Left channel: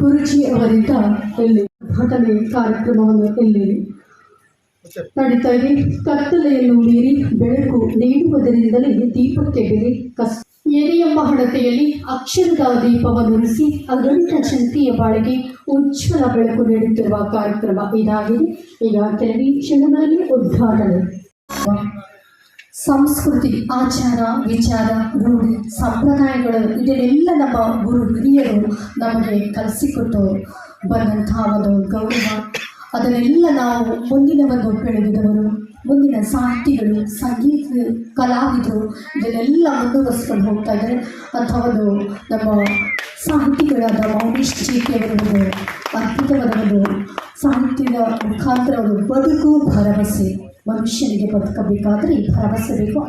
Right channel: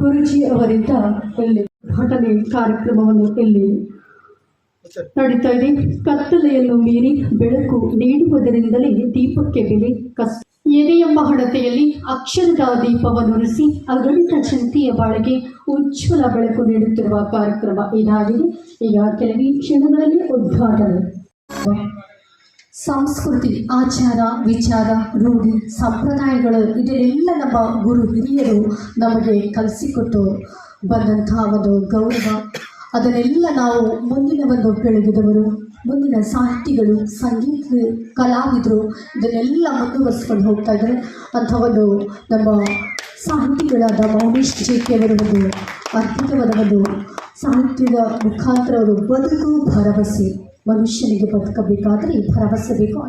ಗುರುಜಿ ಅವರಿಂದ ಇಲ್ಲಿ ಘಟನೆ ಕಾರ್ಯಕ್ರಮವನ್ನು ಇಲ್ಲಿ ನಡೀತಾ ಇದೆ. ಕತ್ತಲೆಯನ್ನು ಮೀರಿ ಬೆಳಕು ನೀಡುವುದರಿಂದಲೇ ದೀಪಕ್ಕೆ ಬೆಲೆ ಕಷ್ಟ ಏನೇ ಎಂಬ ಹಣತೆಯಲ್ಲಿ ಅಕ್ಷರದ ದೀಪವನ್ನು ಉರಿಸಿ ಅಗಣಿತ ಜನತೆಯ ಬಾಳಿಗೆ ಉಜ್ವಲ ಬೆಳಕು ನೀಡುತ್ತಿರುವ ಕಾರ್ಯಕ್ರಮ ಇದಾಗಿದೆ. ಈಗ ಕೆಲವೇ ಕ್ಷಣಗಳಲ್ಲಿ ಉದ್ಘಾಟನೆ. ಸಂಸ್ಕೃತಿ, ಆಚಾರ, ವಿಚಾರ, ರೂಢಿ, ಸಂಪ್ರದಾಯಗಳು ಇದನ್ನೆಲ್ಲ ನಮ್ಮ ಗುರು ಹಿರಿಯರು ನಮಗೆ ಕಲಿಸಿಕೊಟ್ಟು ಬಂದಂತಹ ಒಂದು ಗೌರವ, ಅದನ್ನೆಲ್ಲ ನಾವು ಮುಂದಿನ ಒಂದು ಬೆಳಗಿದವರು, ಮುಂದಿನ ಸಾಹಿತಿಗಳು, ಸಂಗೀತ ಕಲಾವಿದರು ಇದನ್ನೆಲ್ಲ ಮುಂದುವರಿಸ್ಕೊಂಡು ಹೋಗ್ತಾ ಇದ್ದಾರೆ. ಅಂಥ ಒಂದು ನಮ್ಮ ಸಾಹಿತಿಗಳಾದ ಮೌನೇಶ್ ಜೇಕೆ ಒಂದು ಅದ್ಭುತವಾದ ಒಂದು ಸಾಹಿತ್ಯದ ಮುಖಾಂತರ ಒಂದು ಬದುಕು ಭರವಸೆ. ಮನುಷ್ಯನಿಗೆ ಬದುಕಬೇಕಾದರೆ ಭರವಸೆ ಬೇಕು.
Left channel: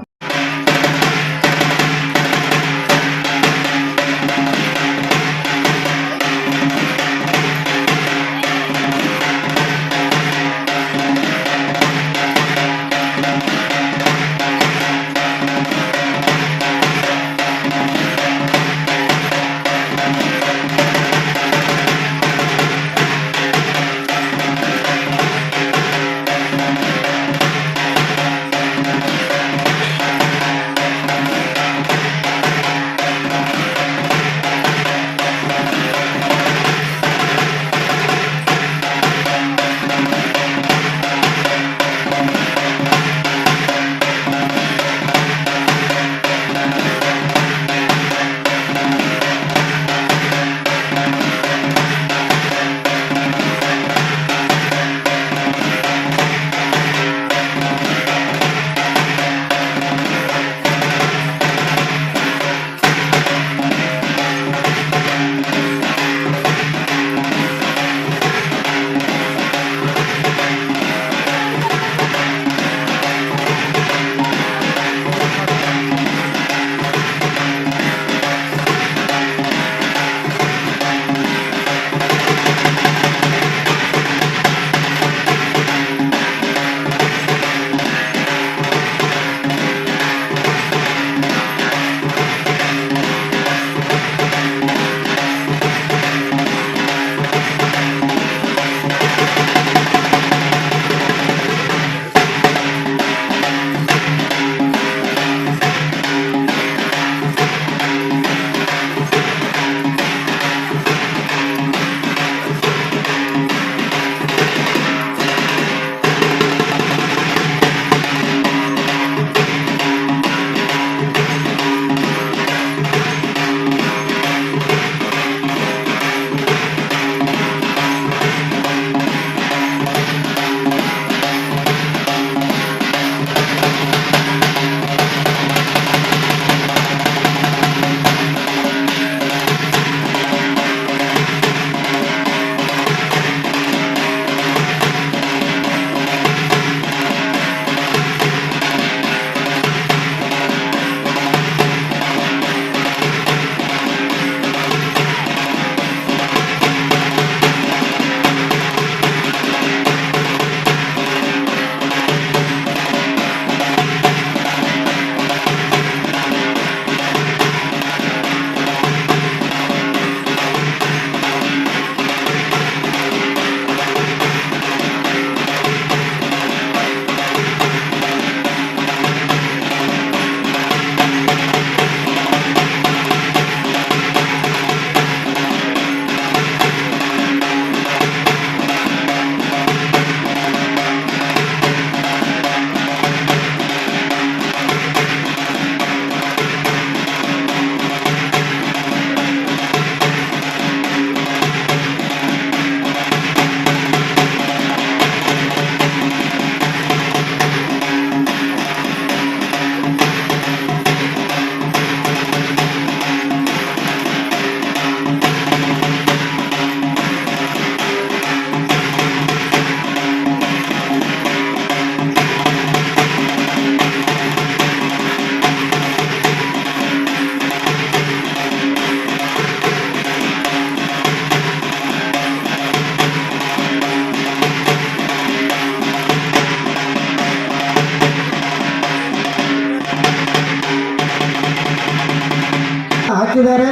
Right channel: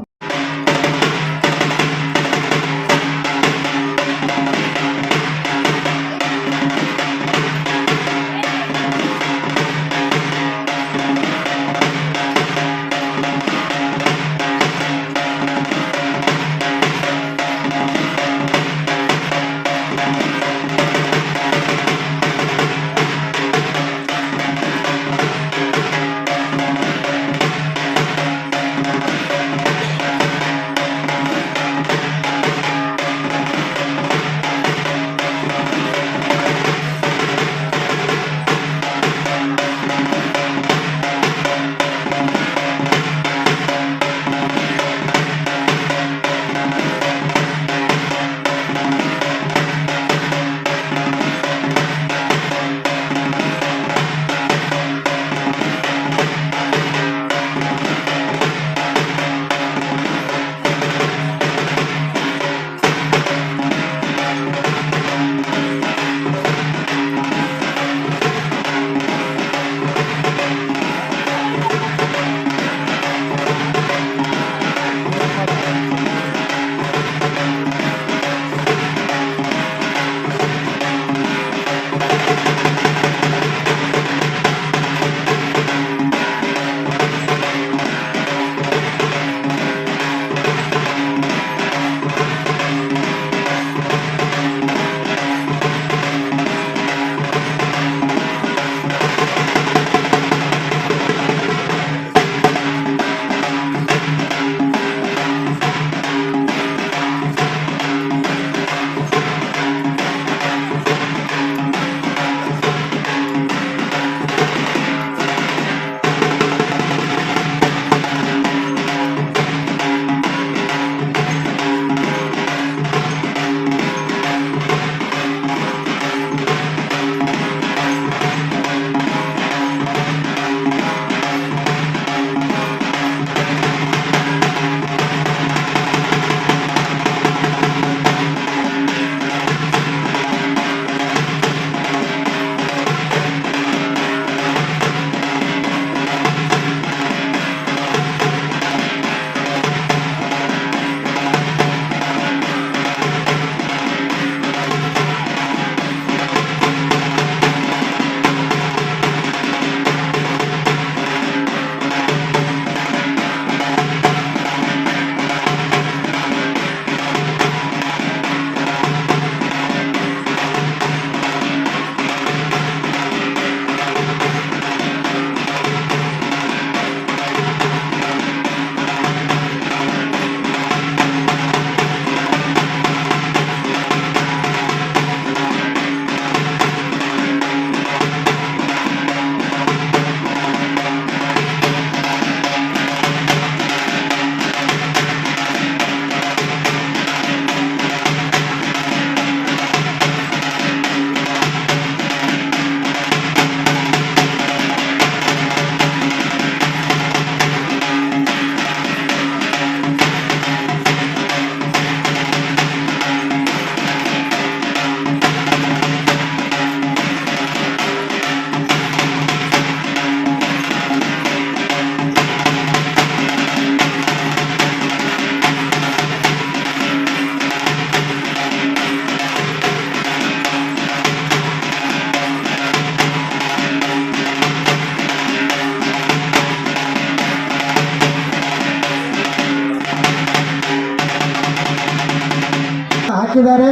ಹಾಕಿದ್ದಾರೆ.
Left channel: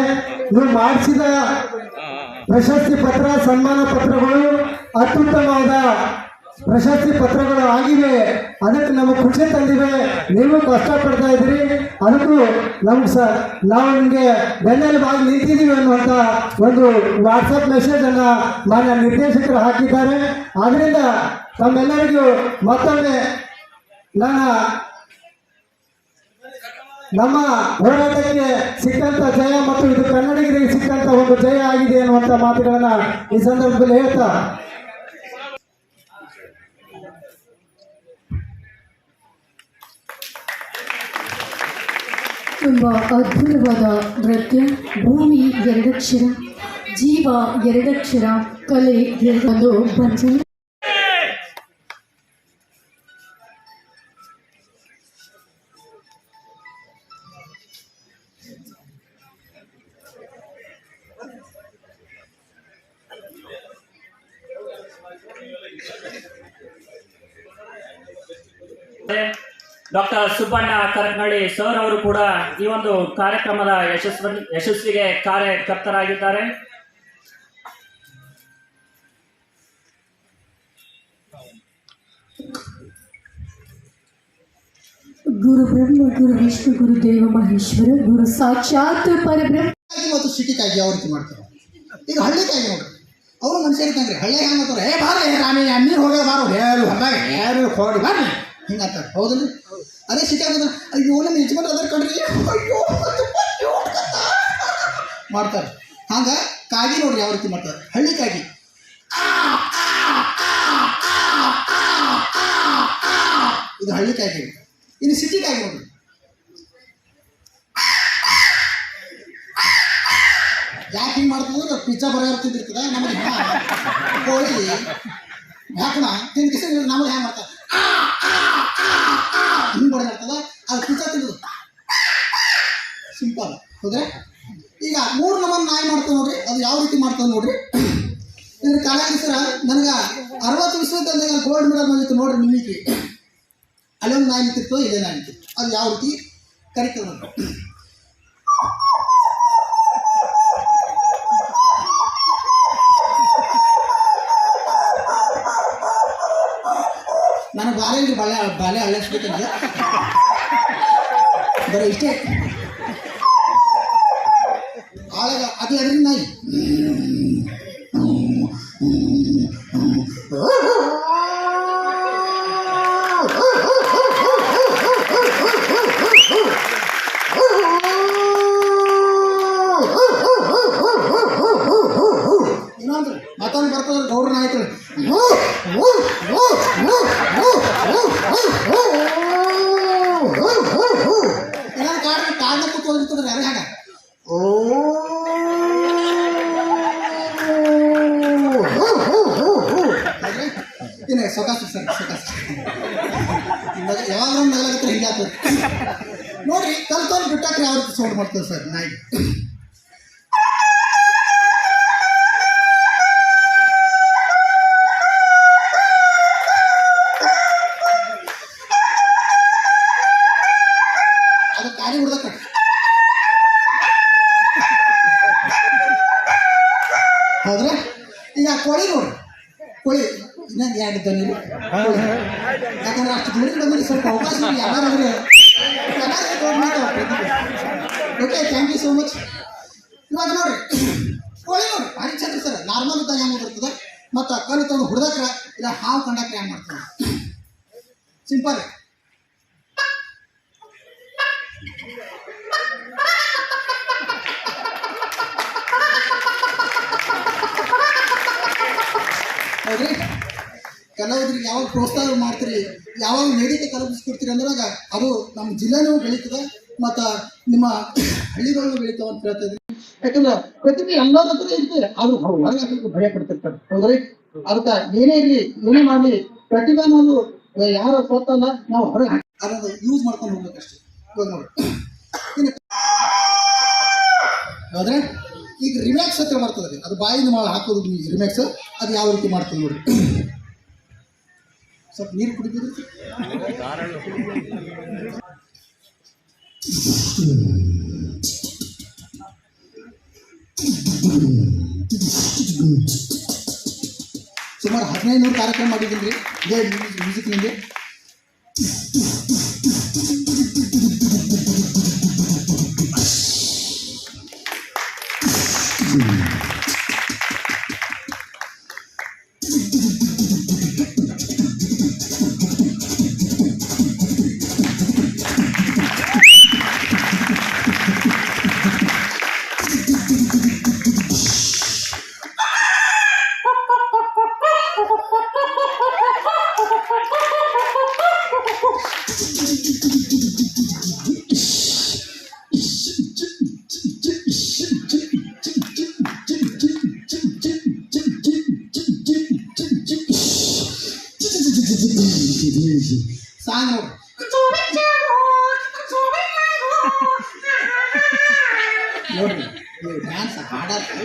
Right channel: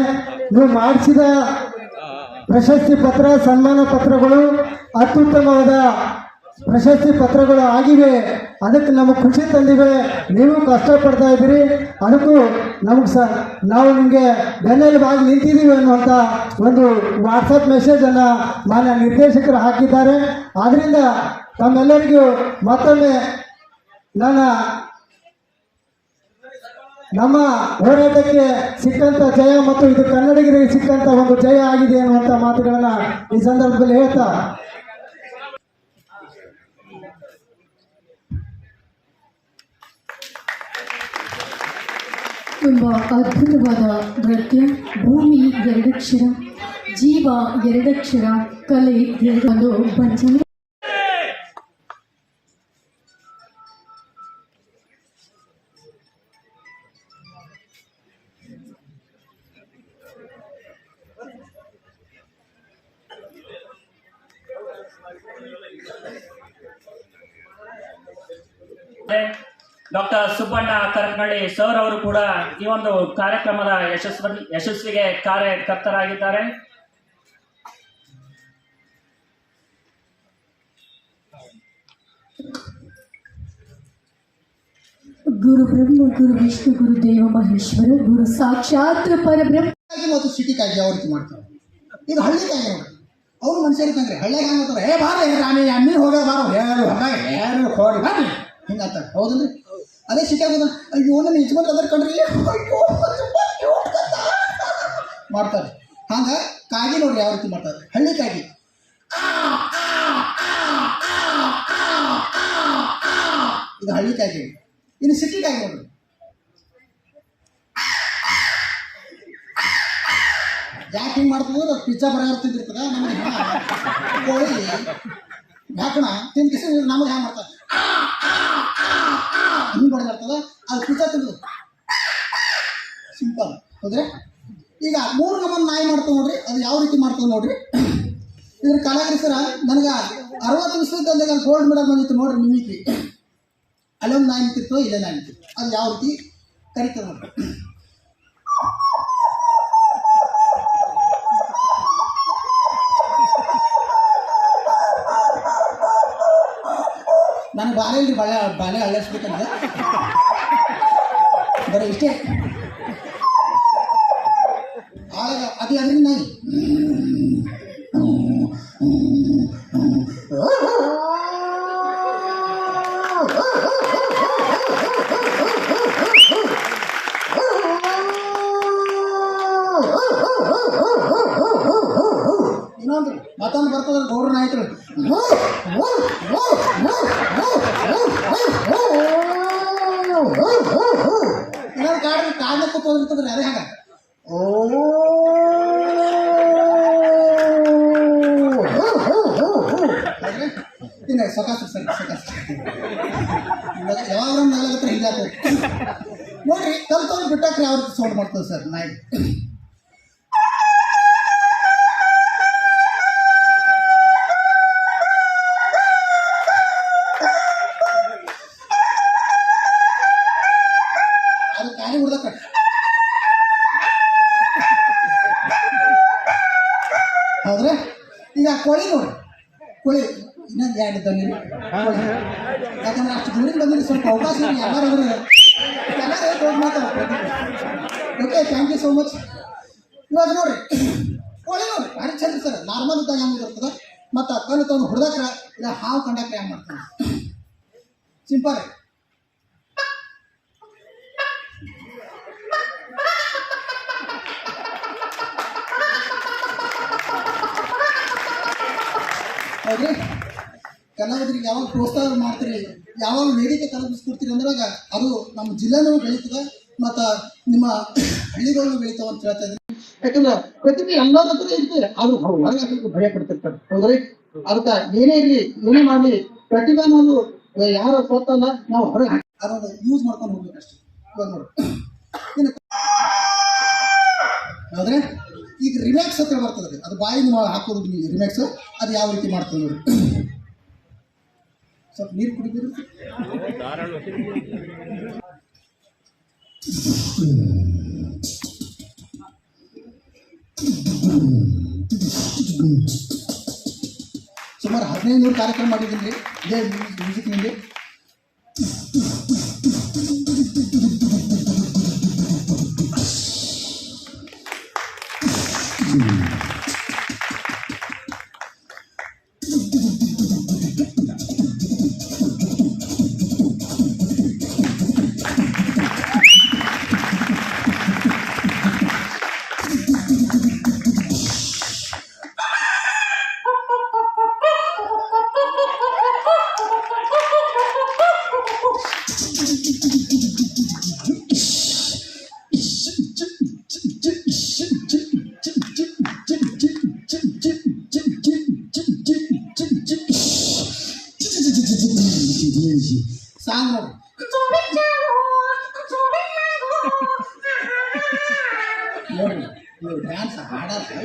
ನೀವು ಮಾಡಿಸಿದ ಪ್ರಶಸ್ತಿ ಪತ್ರ, ಸನ್ಮಾನ ಪತ್ರಗಳು, ಅತ್ಯುತ್ತಮವಾದ ಪ್ರಶಸ್ತಿ ಪತ್ರಗಳು ಆಗಿವೆ. ಅದಕ್ಕೆ ನಮಗೆ ಖುಷಿ ತಂದಿವೆ. ನೀವು ಕಷ್ಟಪಡ್ತಾ ಇದ್ದೀರಿ, ಅದಕ್ಕೂ ನಮ್ಗೆ ನಾವು ನಿಮಗೆ ಬೆನ್ನೆಲುಬಾಗಿ ನಿಂತಿದ್ದೀವಿ ಅನ್ನುವಂಥ ಒಂದು ವಾಟ್ಸಪ್ ಮೆಸೇಜನ್ನು ಮಾನ್ಯ ನಿರ್ದೇಶಕರು ಹಾಕಿದ್ದಾರೆ. ಆದ್ದರಿಂದ ತಮ್ಮೆಲ್ಲರಿಗೂ ಮತ್ತೊಮ್ಮೆ ನಮ್ಮ ಹೋರಾಟಕ್ಕೆ ಸಿಕ್ಕಂಥ ಜಯ ಮತ್ತು ಇದು ಕನ್ನಡಿಗರಿಗೆ ಸಿಕ್ಕಂಥ ಒಂದು ಜಯ ಆಗಿದೆ ಅನ್ನುವಂಥ ಮಾತುಗಳನ್ನ ಈ ಸಂದರ್ಭದಲ್ಲಿ ಹೇಳ್ತಾ ತುಂಬ ಅದ್ಭುತವಾದ ನೃತ್ಯ. ಭೂಮಿ ಎರಡಕ್ಷರ, ಜೀವ ಎರಡಕ್ಷರ, ಕಲೆ ಒಂದು ಪಂಚಮಿ. ಡಾಕ್ಟರ್ ಸುಬ್ಬಣ್ಣ ಕರಕನಹಳ್ಳಿ ಸರ್ ಅವರು ಕೂಡ ಈ ಒಂದು ಕಾರ್ಯಕ್ರಮದ ಯಶಸ್ವಿಗೆ ಕಾರ್ಯಕರ್ತರಾಗಿದ್ದಾರೆ. ಗುರು ಬ್ರಹ್ಮ, ಗುರು ವಿಷ್ಣು, ಗುರು ದೇವ ಮಹೇಶ್ವರ, ಗುರು ಸಾಕ್ಷಾತ್ ಪರಬ್ರಹ್ಮ. ಮತ್ತು ಸಿಟಿಗಾಗಿ ಯಾವ ರೀತಿ ಮಾಡ್ತಾರೆ. ಈಗ ಹಳ್ಳಿಗಾಗಿ ನೋಡ್ರಿ, ಅವರು ಮನುಷ್ಯರು ಇದ್ದಂಗೆ ಹಳ್ಳಿಗೆ ಹೆಂಗೆ ಅಂತಾರೆ, ಹೇ ಬಾರ ರಾಮಿ ನೀರು ಹೋಗೋದು ಬಾರೋ ಹೇಳು ಹೊರಗೆ ಯಾರು ಹೋಗಿ ಬಾರಿ ಹಿಂಗಂತಾರೆ. ಹೌದಲ್ರಿ? ಅದೇ ಸಿಟಿಯಾಗ ಅಯ್ಯೋ ನಿಮ್ಮ ಯಜಮಾನ ಅದ್ರ ಕಣ್ರಿ ಅಯ್ಯೋ ಮಾಡ್ತಾರೆ. ಹಂಗೆ ಕಾಗಿ ನೋಡ್ರಿ ಯಾವ ರೀತಿ ಮಾಡ್ತಾರೆ. ಹಳ್ಳಿ ಕಾಗಿ ಇದು ಹಳ್ಳಿ ಕಾಗಿ. ಇನ್ನು ಸಿಟಿ ಕಾಗಿ ನೋಡ್ರಿ, ಯಾಕೆ ಹಿಂಗೆ ಮಾಡ್ತದೆ? ಪಿಜ್ಜಾ ಬರೋರು ತಿಂದಿರ್ತದೆ, ನಮಗೆ ಕೋಳಿ ಹಾಕೋಣ ತಿಂದು ಕಿಸಿ ನಮಗೆ ಹೆಂಗೆ ಮಾಡ್ತಾರೆ ಹಿಂಗೆ ಬಡದಾಡ್ತದೆ. ಅದು ಪಿಜ್ಜಾ ತಿಂದು ಸಿಂಪಲ್. ಹೌದ್ರೆ? ಈಗ 3 ನಮೂನೆ ನಾಯಿ ಮಾಡ್ತಾವೆ ನೋಡ್ರಿ, ಅದು ಯಾವ ರೀತಿ ಮಾಡ್ತಾವೆ ನೋಡ್ರಿ. ಇದ್ರ ಕಲಾವಿದ ಸರ ನನಗೆ 60 ವಿಶ್ವವಿದ್ಯಾಲಯದಾಗ ಗೋಲ್ಡ್ ಮೆಡಲ್ ಬಂದಿತ್ತು ನೋಡ್ರಿ. ನಿಮಗೆ ಅಲ್ಲೊಂದು ನಾಯಿ ನಿಂತಿತ್ತು, ಇಲ್ಲೇ ನಾಯಿ ನಿಂತಿತ್ತು. ಅದು ಯಾವ ರೀತಿ ಕರಿತದೆ ನೋಡ್ರಿ. ನನಗೆ ಬಾಳೆ ಇಲ್ರಿ, ಬಾಳೆ ಅಳ್ಳಸ್ಬೇಕಂದ್ರೆ ಬರೀ ಇಷ್ಟೇ. ಆಳಗ ಅದು ಅದರಿಂದ ನಾಯಿ ಇನ್ನೊಂದ್ರಿ ಮತ್ತೊಂದು ಬರ್ತದ ಗೌಡ್ರ ನಾಯ್ತು ಇನ್ನೊಂದು ಕಾರಣ ಕೂತ್ಕೊಂಡಿರ್ತದ್ರಿ. ಅದೇ ಹಾಗ ಇಲ್ಲ ಸೊಕಾಸ ಸರ್ ಸೊಕಾಸ ಯಾವಾಗ ನಗಲಾಗತ್ತರ ಹಿಂಗೆ ಆಗ್ತದೆ ನೋಡ್ರಿ. ಕಲ್ತವ್ರು ಬಿಟ್ಟಾಕ್ರಿ ಯಾವ ರೀತಿ ಸೌಂಡ್ ಮಾಡ್ತದೆ ಸರ್ ನಾಯಿ. ಅದು ಕಾಲಿ ಹುಡ್ದ ಕಟ್ಟ. ಹೌದ್ರೆ? ಈಗ ಕೋಳಿ ನೋಡಿ, ಕೋಳಿ ಇನ್ನೊಂದು 2 ದನಿ ಕೋಳಿ. ಯಾಕಂದ್ರೆ ಅಷ್ಟು ದೂರಿಂದ ಬಂದ್ರೆ ಸ್ವಲ್ಪ ಅವಕಾಶ ಎಲ್ಲಾರಾದ್ರೆ okay. Thank you so much. ಇವಾಗ ನೋಡ್ರಿ ಕೋಳಿ ನೋಡಿ ಭಾರಿ ಚಂದ ಸರ್. ನಾರ್ಮಲ್ ಇದ್ದಾಗ ಹೆಂಗೆ ಇರ್ತದೆ, ಮತ್ತು ಕಲ್ಲು ತಂದು ಹುಡ್ದಾಕ್ರ ಇಲ್ಲ ಹಾವು ಕಂಡಾಕ್ರೆ ಹೆಂಗೆ ಮಾಡ್ತಾರೆ. ಸಿಂಪಲ್. ಹೌದ್ರಿ? ಕಲಾವಿದರಿಗೆ ಯಾವಾಗ ಪ್ರೋತ್ಸಾಹ ಮಾಡ್ತೀರಿ, ಯಾವಾಗ ವೇದಿಕೆ ಕಲ್ಪಿಸ್ಕೊಡ್ತೀರಿ ಅಂದಾಗ ಅದು ನಮ್ಮ ಜಿಲ್ಲೆನೂ ಬೆಳೀತದೆ ಮತ್ತು ನಿಮ್ಮ ಹಳ್ಳಿಗಳನ್ನೂ ಬೆಳೀತಾವೆ ಅಂತ ಹೇಳ್ತಾ ಇದ್ರಿ. ಯಾಕಂದ್ರೆ ಪ್ರತಿಭೆ ಎಲ್ಲರ ಹತ್ರ ಇರ್ತದೆ, ಆದ್ರೂ ಹೊರಗೆ ಭಯ ಪಡ್ತಿರ್ತಾರೆ. ಹೌದ್ರಿ? ಅದಕ್ಕೆ ಏನೇ ಇರಲಿ ಏನೇ ಮಾಡಲಿ ಪ್ರತಿಭೆ ಅನ್ನೋದು ಯಾರ ಸ್ವತ್ತಲ್ಲ, ನಾವು ಹೊರಗೆ ಅದನ್ನು ಯೂಸ್ ಮಾಡ್ಕೊಂಡು ಹೋಗ್ಬೇಕಷ್ಟೇ. ಇವಾಗ ನೋಡಿ ಹೌದ್ರೆ? ಈಗ ರಿಮ್ಯಾಕ್ಸ್ ಹತ್ರ ಬರ್ತದೆ, ಅದು ಬಾಯಿನ ಹಾಕೋದು ರಿಮ್ಯಾಕ್ಸ್. ಅದು ಯಾವ ರೀತಿ ಮಾಡ್ತೀವಿ ನೋಡಿ. ಸ್ವಲ್ಪ ನೀರು ಕುಡಿತೀರಿ. ಸುಮಾರು 1500 ಕಾರ್ಯಕ್ರಮ ಮಾಡಿದ್ದೀನಿ ರೀ ಇದೇ ಮ್ಯೂಸಿಕ್ನಿಂದ. ಸಾಂಗ್ ನೋಡ್ರಿ ನೀವು ಡ್ಯಾನ್ಸ್ ಹಾಡಕ್ಕೆ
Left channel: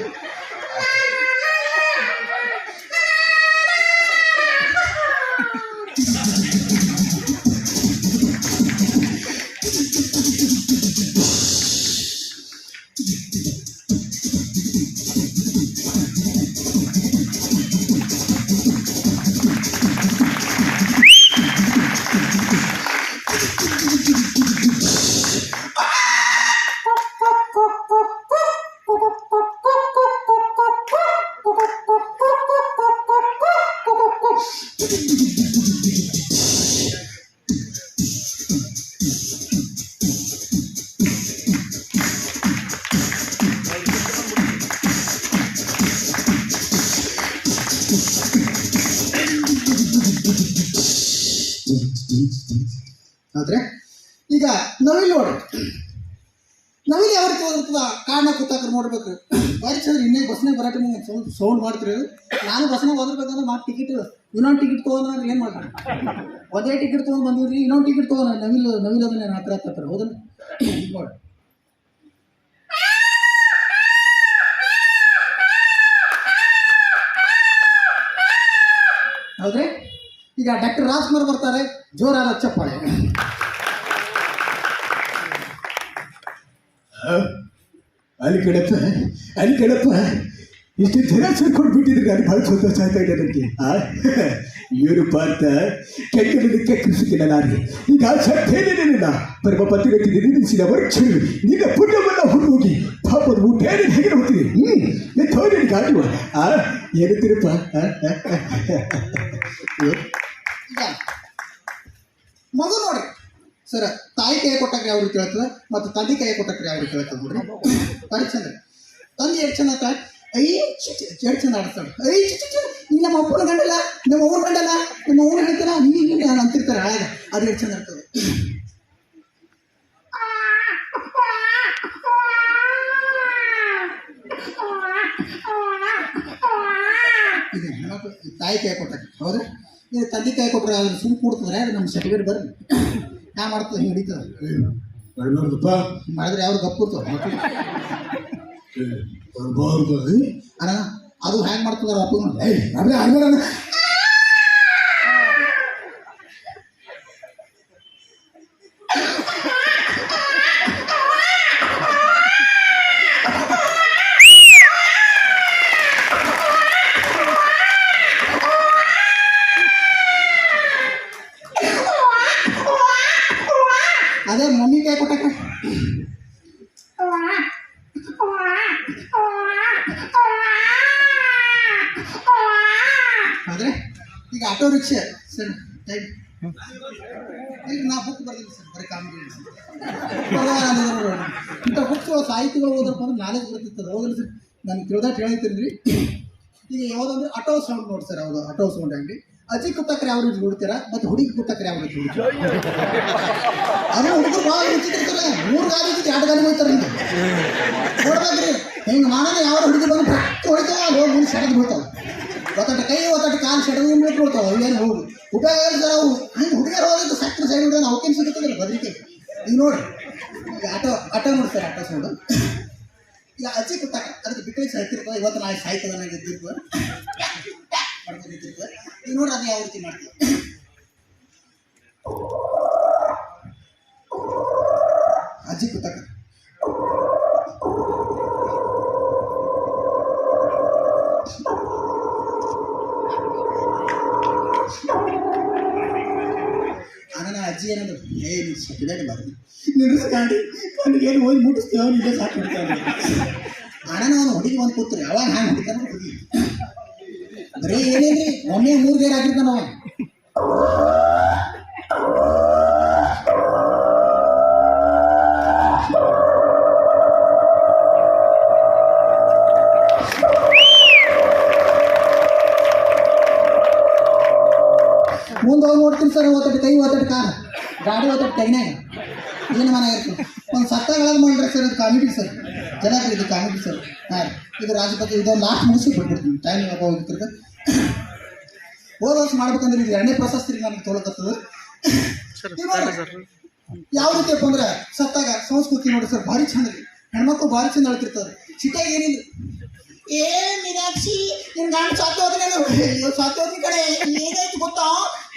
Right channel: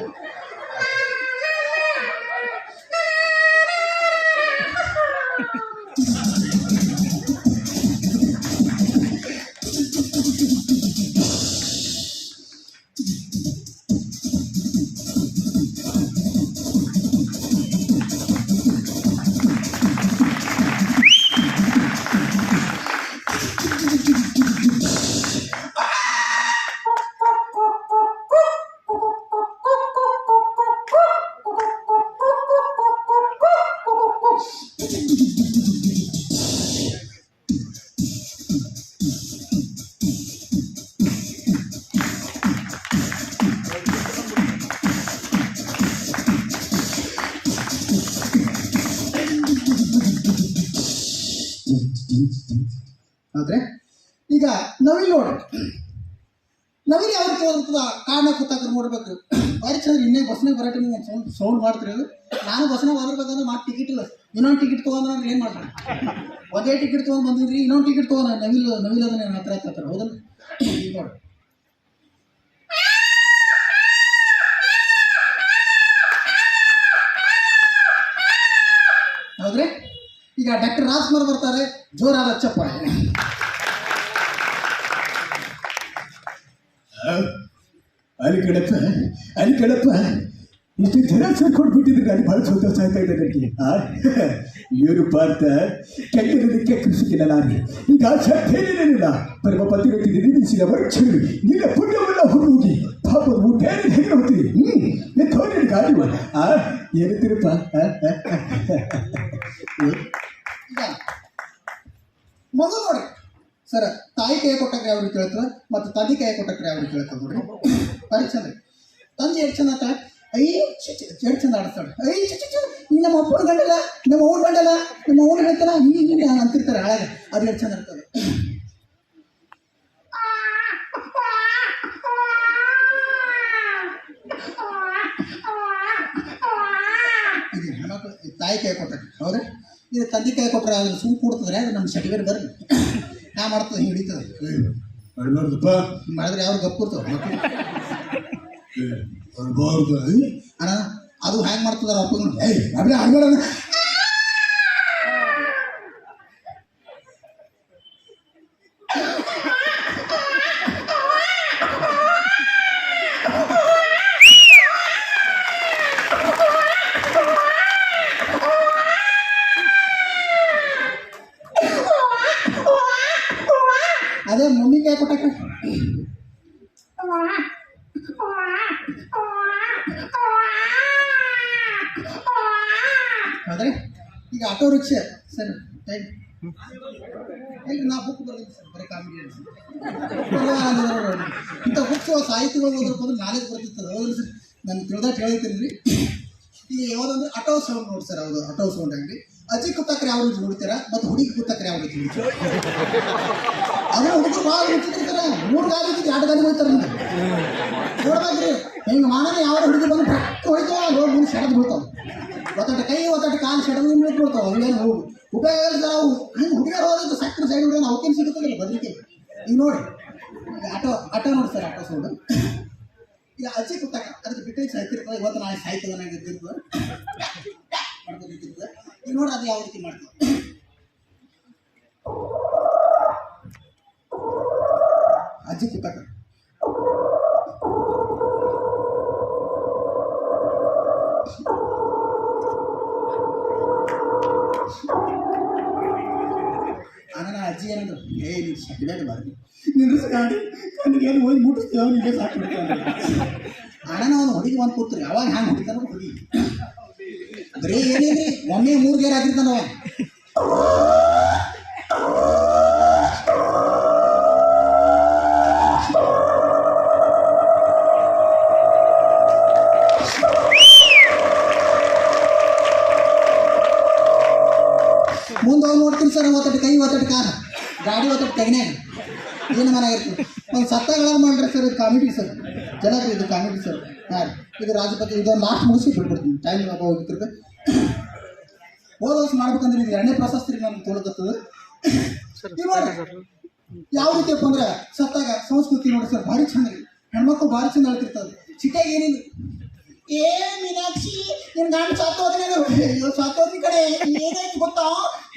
ಆದ್ರೆ ಈಗ ನವಿಲು ನೋಡ್ರಿ, ನವಿಲು ಯಾವ ರೀತಿ ಹೋಗ್ತದ ಕಾರಣ ಕೂತಾಕ್ರೆ ನೋಡ್ಬೇಕು. ಬಾರಿ ಚಂದ್ರ ಇನ್ನೇ ಬಸ್ನಾಗ ಬರಾಟ ಸೌಂಡ್ ಮಾಡ್ತೀರಿ. ನಾನು ಬಸ್ನಾಗ ಹೋಗಿರ್ಬೇಕಂದ್ರೆ ಮಾಡಿ ಟಿಕೆಟ್ ಇನ್ನೊಂದು ಟಿಕೆಟ್ ತೊಗೊಂಡ್ರೆ ನಾನು ಏನು ಮಾಡ್ತಾರೆ, ಒಂದೇ ಟಿಕೆಟ್ ತೊಗೊಂಡು ಬಂದಿದ್ರಿ ಇನ್ನೊಂದು ಟಿಕೆಟ್ ತೊಗೊಂಡು ನವಿಲು ಅದನ್ನ ಹತ್ರ ಹತ್ರ ಹೌದಲ್ಲ. ನೋಡಿ ಹೌದ್ರಿ. ಈಗ ಡಾಕ್ಟರ್ ರಾಜ್ಕುಮಾರ್ ಬರ್ತಾರೆ, ಜೋರಾದ ಚಪ್ಪಾಳೆ. ಅಲ್ಲಿ ಕಡಪ್ಪ ಇಷ್ಟು ಜನ ಸೇರ್ಕೊಂಡು ಬಿಟ್ಟಿದ್ರೆ ನಾನು ಭಾಳ ಸಂತೋಷ ಆಗ್ತಾ ಇದೆ ನನಗೆ. ಇವರು ಪಾರ್ಥ ಕೈಗಳಿಗೆ ಕೃಷಿಕಿಲ್ಲ ನಾನು ಈಗ ಸತ್ಯೇನಿಲ್ಲ ಪರಮ ಪತಿಗತಿ ನಿಲ್ಲಿಸಿದ ವರ್ಕ್ಷರು ನಿನ್ನ ಪುಣ್ಯವನ್ನು ಹುಡುಗಿ ಪಾಪದ ಊಟ ಹೇಗೆ ಹೋಗ್ತೀವಿ. ಎತ್ತೋಗಿ ಗಾಡಿ ಏನಂತೀರಪ್ಪ. ಈಗ ಮಗು ನೋಡಿ ಸರ್, ತಾಯಿ ಕೈ ಕೊಟ್ಟಕ್ಕೆ ಯಾವ ರೀತಿ ಹೇಳ್ತದೆ ಮತ್ತು ತಂದೆ ಕೈ ಕೊಟ್ಟಕ್ಕೆ ಯಾವ ರೀತಿ ಹೇಳ್ತದೆ ನೋಡ್ರಿ. ಬಾರಿ ಚಂದ ತಂದೆ ಎಷ್ಟು ಚಂದ ಆತ, ಐ ಎಷ್ಟು ಚಂದ ಆಡ್ತಾಳೆ. ಐ ನೀ ನಮ್ಮ ಅಪ್ಪನ ಗಂಡಲ್ಲ, ನಮ್ಮ ಅವ್ರ ಗಂಡಲ್ಲ, ನಮ್ಮ ಅವ್ರು ಹೇಳ್ತಾರ ನೀನು ಅಂತಿರ್ತಾರೆ ಹಾಳಾಗ. ಅದು ಎಷ್ಟು ಚಂದ ಇರ್ತದೆ. ಇದು ಹೆಣ್ಮಕ್ಳು ತಾಯಿ ಕೈ ಕೊಟ್ಟಕ್ಕೆ ಹೌದ್ರಿ. ಇದು ತಂದೆ ಕೈ ಕೊಟ್ಟರೆ ಅದ್ರ ಸುಮ್ ಕೂಡ್ತದ್ರೆ ಅದು ನಮ್ಮ ಸರ್ಟಿಫಿಕೇಟ್ ಬರ್ರಿ ನಾ ಮಾಡ್ತದೆ ಹಿಂಗೆ ಹಿಡಿತದೆ. ಮಾಡಿದ್ರೆ ಅವ್ರು ಗಪ್ಪು ಇರ್ತವೆ ಅಣ್ಣ. ಅದು ಹ್ಯಾಂಗೆ ಮಾಡ್ತದಾರ ಅಪ್ಪ ಅದೇ ಮಮ್ಮಿ ಕೈ ಕೊಟ್ಟಕ್ಕೆ. ಹೌದ್ರಿ. ಈಗ ಆಟೋ ರಿಕ್ಷಾ ಸರ್ ಟೈಮ್ ಈಗ ನಾ ಬುಕ್ ಬರ್ದಿಲ್ಲ ಸರ್, ಬರೀ ಕಾಮಿಡಿ ಇಂಥ ಬುಕ್ಸ್ ಸಾಹಿತ್ಯಗಳು ಓದಪ್ಪ ಅಂದ್ರೆ ನಾಲೆಜ್ ಬರ್ತಿರ್ತದೆ ಹೌದ್ರಿ ಸರ್. ನಾನು ತಿಳಿದಾಟ ಹೇಳ್ತೀನಿ ರೀ. ಈಗ ಯಾವುದಂದ್ರೆ ಆಟೋ ಸೌಂಡ್ ನೋಡಿ ಸರ್, ಹೌದು ಆಟೋ ಸೌಂಡ್ ಆಗಲಿ. ಅಜ್ಜಿ ಕುತ್ತಕ್ರೆ ಯಾವ ರೀತಿ ನೋಡ್ತೀರಾ ಮತ್ತು ಹುಡುಗಿ ಕುತ್ತಕ್ರೆ ಯಾವ ರೀತಿ ನೋಡ್ತೀರ. ಅದನ್ನ ಹುಡುಗರು ಭಾಳ ರುಚಿತಿರ್ತಾರೆ. 3 ಗಾಡಿ ಇದ್ದು 2 ಗಾಡಿ ಹೋಗ್ತಾರೆ ನಿಮ್ಗೆ ನೋಡ್ಬೇಕ್ರಿ. ಹಿಂಗೆ ಮಾಡೋಣ ಯಾವ ಹುಡುಗಿ ಬಂದು ಪ್ರತಿ ಹೊಡಿತಾವ ಹೋಗಿ ಮುಂದೆ ಸೆಡೆದು ಬಿಡ್ತಾವೆ. ಒತ್ತಟ ಕೈ ಒತ್ತಟ ಕಾಲು ಸೆಡೆದು ಮುಂದೆ ಬಿಡ್ತಾವೆ. ಅವೇನು ಹೋಗಿ ಉಪಯೋಗ ಹೇಳ್ತಾರೆ ಅವು. ಹಿಂಗೆ ಹುಡುಗಿಯರು ಹೋಗಿದ್ದು ಸಕ್ಕರೆ ಸೈಡ್ ಹಿಡಿದ್ರೆ ಅವಕ್ಕೇನು ಸಿಗುತ್ತದಿಲ್ಲ ಬದ್ರಿಕೆ. ಈಗ ನೋಡಿ ಈಗ ಆಟೋ ನೋಡಿ ಸರ್, ಆಟೋ ಸೌಂಡು. ಈಗ ಅಜ್ಜಿ ಕುತ್ತಕ ಅದಕ್ಕೆ ಬಿಟ್ಟರೆ ಸಾಯ್ತಿರ್ತದೆ. ಇವತ್ತು ನಾಳೆ ಸಾಯ್ತದನ್ನಾಗಿ ಇದ್ದಿರ್ತದೆ ಮಾಡ್ಕೊಂಡು ಇದ್ದಿರ್ತದೆ. ಈಗ ನೋಡಿ ಅದು ಯಾವ ರೀತಿ ಮಾಡ್ತೀವಿ. ಅಜ್ಜಿ ಕುತ್ತಕ ನೀನು ಸೆಕೆಂಡಾಗಿ ಬಾರ್ದು ನಿಲ್ಲಿಸ್ಕೊಂಡು ನನಗೇನು ಹೋಗಿ ಮುಟ್ಟಿಸ್ತೇವೆ ನೀನೇ ಸಾಕು ಬಿಡ್ತಾನೆ ಅಣ್ಣ ನಾನು ಹುಡುಗಿ ಬಂದು ಕೂತ್ರಿ ಅವಾಗ ಹ್ಯಾಂಗೆ ಹುಡುಗಾರ ಹುಡುಗಿ ಬರೀ ಏನೇನ್ರಿ ಒಮ್ಮೆ 3 ಗೇರ್ ಆಗಿರ್ತಾನ ಅವ ಮುಂದೆ ಹೋಗಿ ನೋಡ್ತೀನಿ ಸರ್ ಓತಟ್ಟು ಕೈ ಓತಟ್ಟು ಕಾಲ ಗಾಡಿ ಓತಟ್ಟು ಕೈನಾಗ ಏನು ಮನೆ ಇರ್ತದೆ ಒಂದು ಸತ್ತಾಗ ಮಾಡಿದ್ರೆ ಸರ್ ಇದು ಕಾಮಿಡಿ ಸರ್ ಚೆನ್ನಾಗಿ ಇದು ಕಾಮಿಡಿ ಸರ್ ಹಾಂ ಇದು ರಾಜಪತಿ ಇದೊಂದು ಲಾಸ್ಟ್ ಮುಗಿಸಿ ಬಿಟ್ಬಿಡ್ತೀನಿ ಟೈಮ್ ಹೋಗಿರ್ತದೆ ಹೋದ ವರ್ಷ ಮಾಡ್ಬೇಕಂದ್ರೆ ಇದು 2ನೇ ಪ್ರಶಸ್ತಿ ನನಗೆ ತೊಗೊಳಕತ್ತದ ಯಾವ ರೀತಿಯಪ್ಪ ಅಂದ್ರೆ ಸತ್ತಾಗ ಸಂಸ್ಕೃತಿ ನೋಡಿ ಸರ್ ಭಾರಿ ಚಂದ ರೀ ಹೆಣ್ಮಕ್ಳು ಭಾರಿ ಚಂದ ಹೇಳ್ತಿರ್ತಾರೆ ಸಿಟ್ಟಾಗ ಏನಿಲ್ಲ ಏ ಮೀನಾಕ್ಷಿ ನಿನ್ ಗಂಡ ಸಾಕೋದ್ರಿ ಕಡೆ ಏನಾಯ್ತು ಗೊತ್ತಾ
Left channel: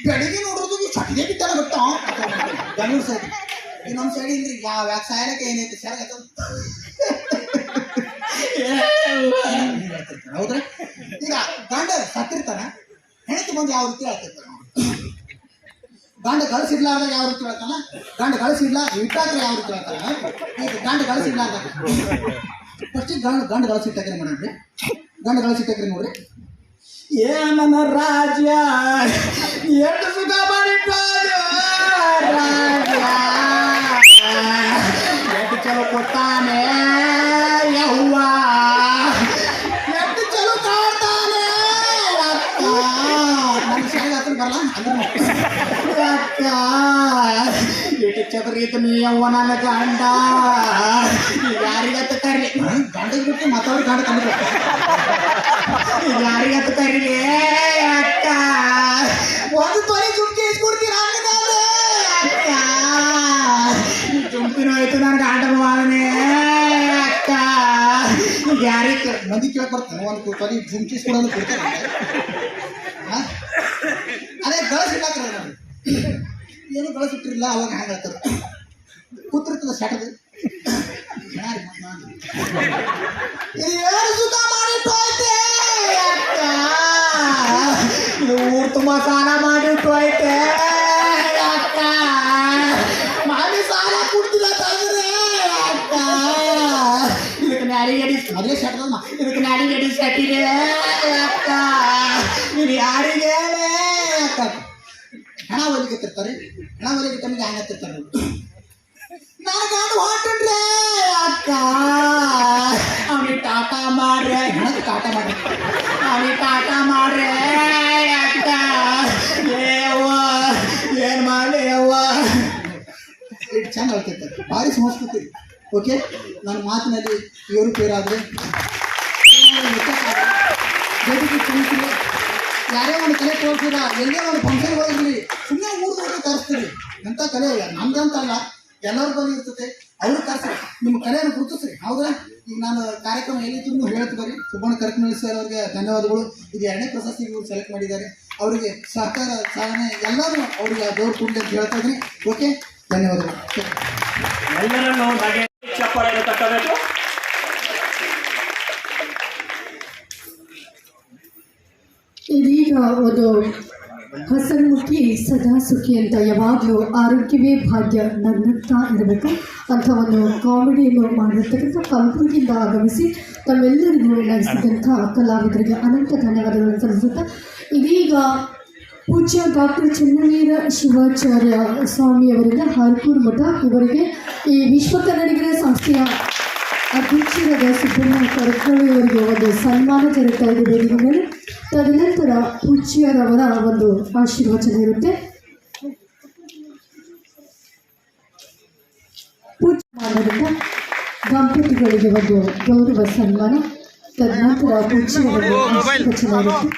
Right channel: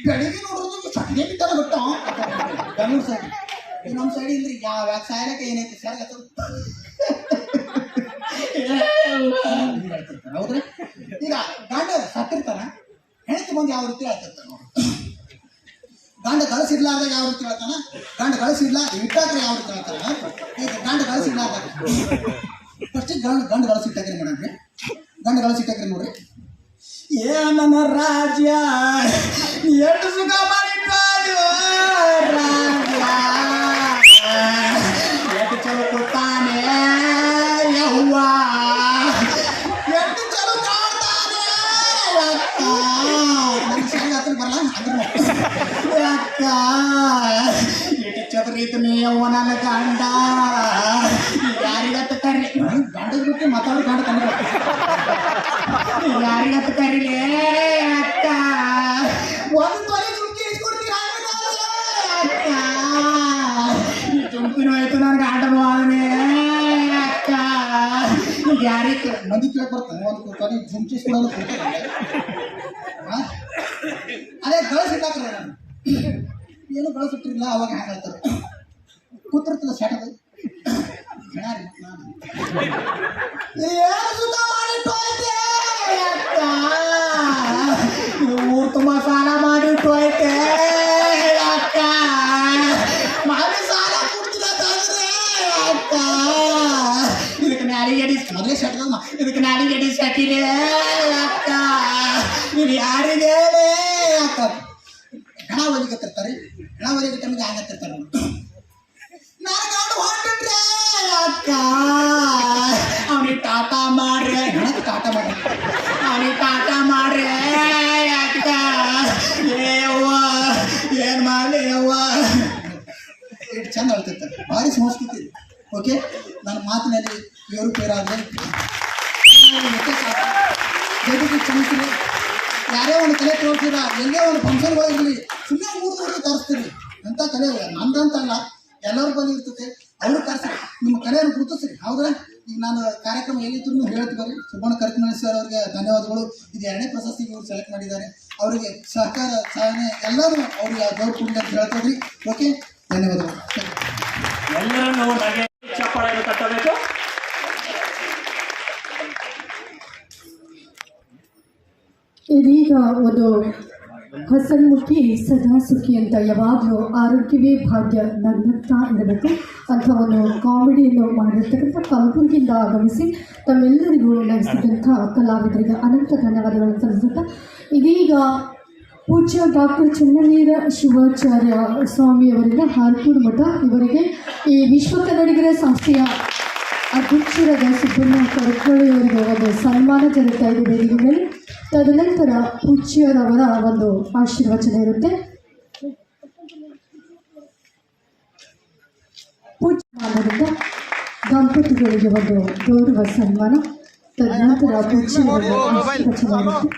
ಬೆಳಿಗ್ಗೆ ನೋಡೋದು ಚಟಿಗೆ ಬಿದ್ದಾನ ಗೊತ್ತಾ ಬೆಂಗಳೂರು ಸೈಡ್ ಇನ್ನೊಂದು ಸೈಡ್ ಇಲ್ರಿ ಯಾವ ಸಾಯಲಕ್ಕೆ ಏನೈತಿ ಸರ್ ಹೇಳ್ತಿರ್ತಾರೆ ಹೌದ್ರಿ ಈಗ ಗಂಡ ಸತ್ತಿರ್ತಾನ ಹೆಣ್ತಿ ಬಂದು ಯಾವ ರೀತಿ ಹೇಳ್ತಿರ್ತಾರೆ ನೋಡಿ ಗಂಡ ಗಳಿಸಿಡ್ಲಾರ್ದಾಗ ಯಾವ ರೀತಿ ಹೇಳ್ತಾನ ಗಂಡ ಗಳಿಸಿಡ್ಲ ಇಟ್ಟಾಕ್ರೆ ಯಾವ ರೀತಿ ಹೇಳ್ತಾನ ಈಗ ಗಂಡ ಗಳಿಸಿಡ್ಲಾರ್ದಾಗ ಫಸ್ಟಿಗೆ ಗಂಡ ಗಳಿಸಿಟ್ಟಾಕ್ರೆ ಮೇಡಮ್ ರೀ ಗಂಡ ಗಳಿಸಿಟ್ಟಾಕ್ರೆ ನೋಡ್ರಿ ಏ ನನ್ನ ರಾಜ ಎಷ್ಟು ಸುಖ ಮಾಡಿಟ್ಟಾಳು ರಾಜ ಎಷ್ಟು ಚಲೋ ಕೊಡ್ತಾನೆ ಯವ್ವ ಎಷ್ಟು ಚಲೋ ಕಾಡ್ತಾನೆ ಅಕ್ಕ ನನ್ನ ಸರಿ ಹತ್ರ ಬರಲ್ಲ ಅಂದ್ರೆ ಅಕ್ಕ ಎಷ್ಟು ಚದರಿತ ಯವ್ವ ನನ್ನ ಗಂಡ ಯಾರಿಗತ್ತ ಕರ್ರಿ ಗಂಡಗೆ ಬಿಟ್ಟು ಮಾತಾಡಿ ಗಂಡ ತಂದ್ರೆ ಯಾರಿಗತ್ತ ಕರೀಲಿ ಅಕ್ಕ ಒಂದು ತೊಲೆ ಚುಮ್ಕಿ ಇಸ್ಕೊಡ್ತೀರ ಅಕ್ಕ ಚುಮ್ಕಿನೂ ಆಯ್ತು ನನ್ನ ಗಂಡನೂ ಆಗನೆ ಅಕ್ಕ ಯಾರಿಗೆ ಮಂದಿ ಕೇಳಕ್ ಬರ್ತಾನೆ ಒಂದು ತೊಲೆ ಚುಮ್ಕಿ ಇಸ್ಕೊಡೋದು ಕೊಡ್ತಾರೆ ಅದೇ ಗಳಿಸಿಟ್ಟಾಕ್ರೆ ನಾನು ಏನು ಗಳಿಸಿಟ್ಟಿರಲಿಲ್ಲ ಅವಾಗ ಹ್ಯಾಂಗೆ ಹೇಳ್ತಾರೆ ಕೂತಿರ್ತದೆ ಸೆಟದು ಸುಖ ಮಾಡಿಟ್ಟೋಯ್ತೆ ಅಕ್ಕ ಊರು ತುಂಬ ಸಾಲ ಮಾಡಿಟ್ಟೋಯ್ತೆ ಅಕ್ಕ ಮಾಡಿ ಸಾಲ ಕೊಡ್ತಿಲ್ಲ ತಂದ್ರೆ ಅಕ್ಕ ಇದಕ್ಕೆ ನಾಡಿಗಡಿ ಮೊದಲೇ ಸೆಟ್ದಮ್ಮ ಇದಕ್ಕೆ ನಾಡಿಗಡಿ ಸೆಟ್ಟಿದೆ ಅಕ್ಕ ನೀವು ಯಾರಿಗೆ ಅಕ್ಕ ಹಣ ಒಲಿಕತ್ತಿರ್ತಾರೆ ಹಣ ಒಲಿಗೆ ಟೈಮಿಗೆ ಹ್ಯಾಂಗತ್ತಿರ್ತಾರೆ ನಾನು ಗಂಡ ಹೊಂಟ್ರೆ ಅಕ್ಕ ಅವನಿಗೆ ಟಾಟಾ ಮಾಡ್ರೆ ಟಾಟಾ ಮಾಡ್ರಿ ಅವನಿಗೆ ಟಾಟಾ ಮಾಡ್ರೆ ಅಕ್ಕ ಏವ್ವ ಏನು ಮಾಡಲಿ ಯವ್ವ ಎಷ್ಟು ಚಂದ ಹೇಳ್ತಿರ್ತಾರೆ ಭಾರಿ ಸಂಸ್ಕೃತಿ ಓಕೆ ನನ್ನ ಮಾತಿನಲ್ಲಿ ಏರುಪೇರಾದರೆ ಜೊತೆಗೆ ಕಲಿಸಿರಿ ಯಾರೇ ಒಂದು ಕಲೆ ತೋರಿಸಿರ ಎಲ್ಲೇ ಒಂದು ಫಂಕ್ಷನ್ ಹೋಗಿರಲಿ ಸುಮ್ಮನೆ 3 ದಿವಸ ತರಿಸ್ತೀರಿ ಎಂಥ ಕಲೆ ನಮ್ದಂತಲ್ಲ ಎಲ್ಲರ ಬಳಿ ಇರ್ತದೆ ಅವ್ರು ಕರ್ಸ್ರಿ ನಿಮ್ಮ ಕಲೆಯನ್ನು ಗುರುತಿಸ್ರಿ ಹೌದಾ ಈಗ ನಾನು ಕಾರ್ಯಕ್ರಮ ಏನಿದ್ರು ಹೇಳ್ತು ಬರೀ ಸುಬ್ಬಣ್ಣ ಕರಕನಹಳ್ಳಿ ಸರ್ ಅವರಿಗೆ ಧನ್ಯವಾದಗಳು ಇದು 2ನೇ ಪ್ರಶಸ್ತಿಗೆ ಇವರು ಸೆಲೆಕ್ಟ್ ಮಾಡಿದ್ದಾರೆ ಅವರಿಗೆ ಸಹಕಾರ ಸಾಧನೆ ಎಲ್ಲರೂ ಅವರಿಗೆ ಗೌರವ ಕೊಡಲಿ ಅಂತ ಹೇಳ್ತಾ ಇದ್ರಿ ಓಕೆ ಧನ್ಯವಾದಗಳು ಎಲ್ಲರನ್ನು ಹಾಗೆ ಚಪ್ಪಾಳೆಯನ್ನು ತಟ್ಟಬೇಕು. ಇದೀಗ ಒಂದು ಹಸನ್ಮುಖಿ ಸದಾ ಸುಖಿ ಅಂತ ಯಾವಾಗಲೂ ಆರೋಗ್ಯವೇ ಭಾಗ್ಯ ನಗ್ನಗ್ತಾ ಇರಬೇಕು ಅಂತ ಒಂದು ಕಾಮಿಡಿಯನ್ನು ಮಾಡಿರ್ತಕ್ಕಂಥ ಕಲಬುರಗಿಯಿಂದ ಆಗಮಿಸಿ ತಮ್ಮೆಲ್ಲರಿಗೂ ನಡೆಸಿದಂಥ ಕಲಾವಿದರಿಗೆ ಅನಂತ ಧನ್ಯವಾದಗಳನ್ನು ಸಲ್ಲಿಸುತ್ತಾ ಇದೀಗ ಪೂಜ್ಯ ಡಾಕ್ಟರ್ ಚೆನ್ನವೀರ ಶಿವಾಚಾರ್ಯ ಸ್ವಾಮಿಯವರಿಂದ ಹಾರ್ಕೂರು ಮಠ ಇವರಿಗೆ ಈ ವಿಶ್ವ ಕನ್ನಡಿಗರ ಸಂಸ್ಥೆಯ ಅಧ್ಯಕ್ಷರಾದ ಸುಬ್ಬಣ್ಣ ಕರಕನಹಳ್ಳಿಯವರಿಗೆ ಒಂದು ಸನ್ಮಾನ ಜರುಗ್ತಾ ಇದೆ ವೇದಿಕೆ ಮೇಲೆ. ತದನಂತರ ಪೂಜ್ಯರವರ ಒಂದು ಆಶೀರ್ವಚನ ಇರುತ್ತೆ. ಪೂಜ್ಯ ಮಾಡೋದ್ರಿಂದ ದಂಪತಿಗಳಿಗೆ ಒಂದು ಗೌರವ ಸನ್ಮಾನ, ತದನಂತರ ಪೂಜ್ಯರ ಆಶೀರ್ವಚನ ಇರುತ್ತೆ.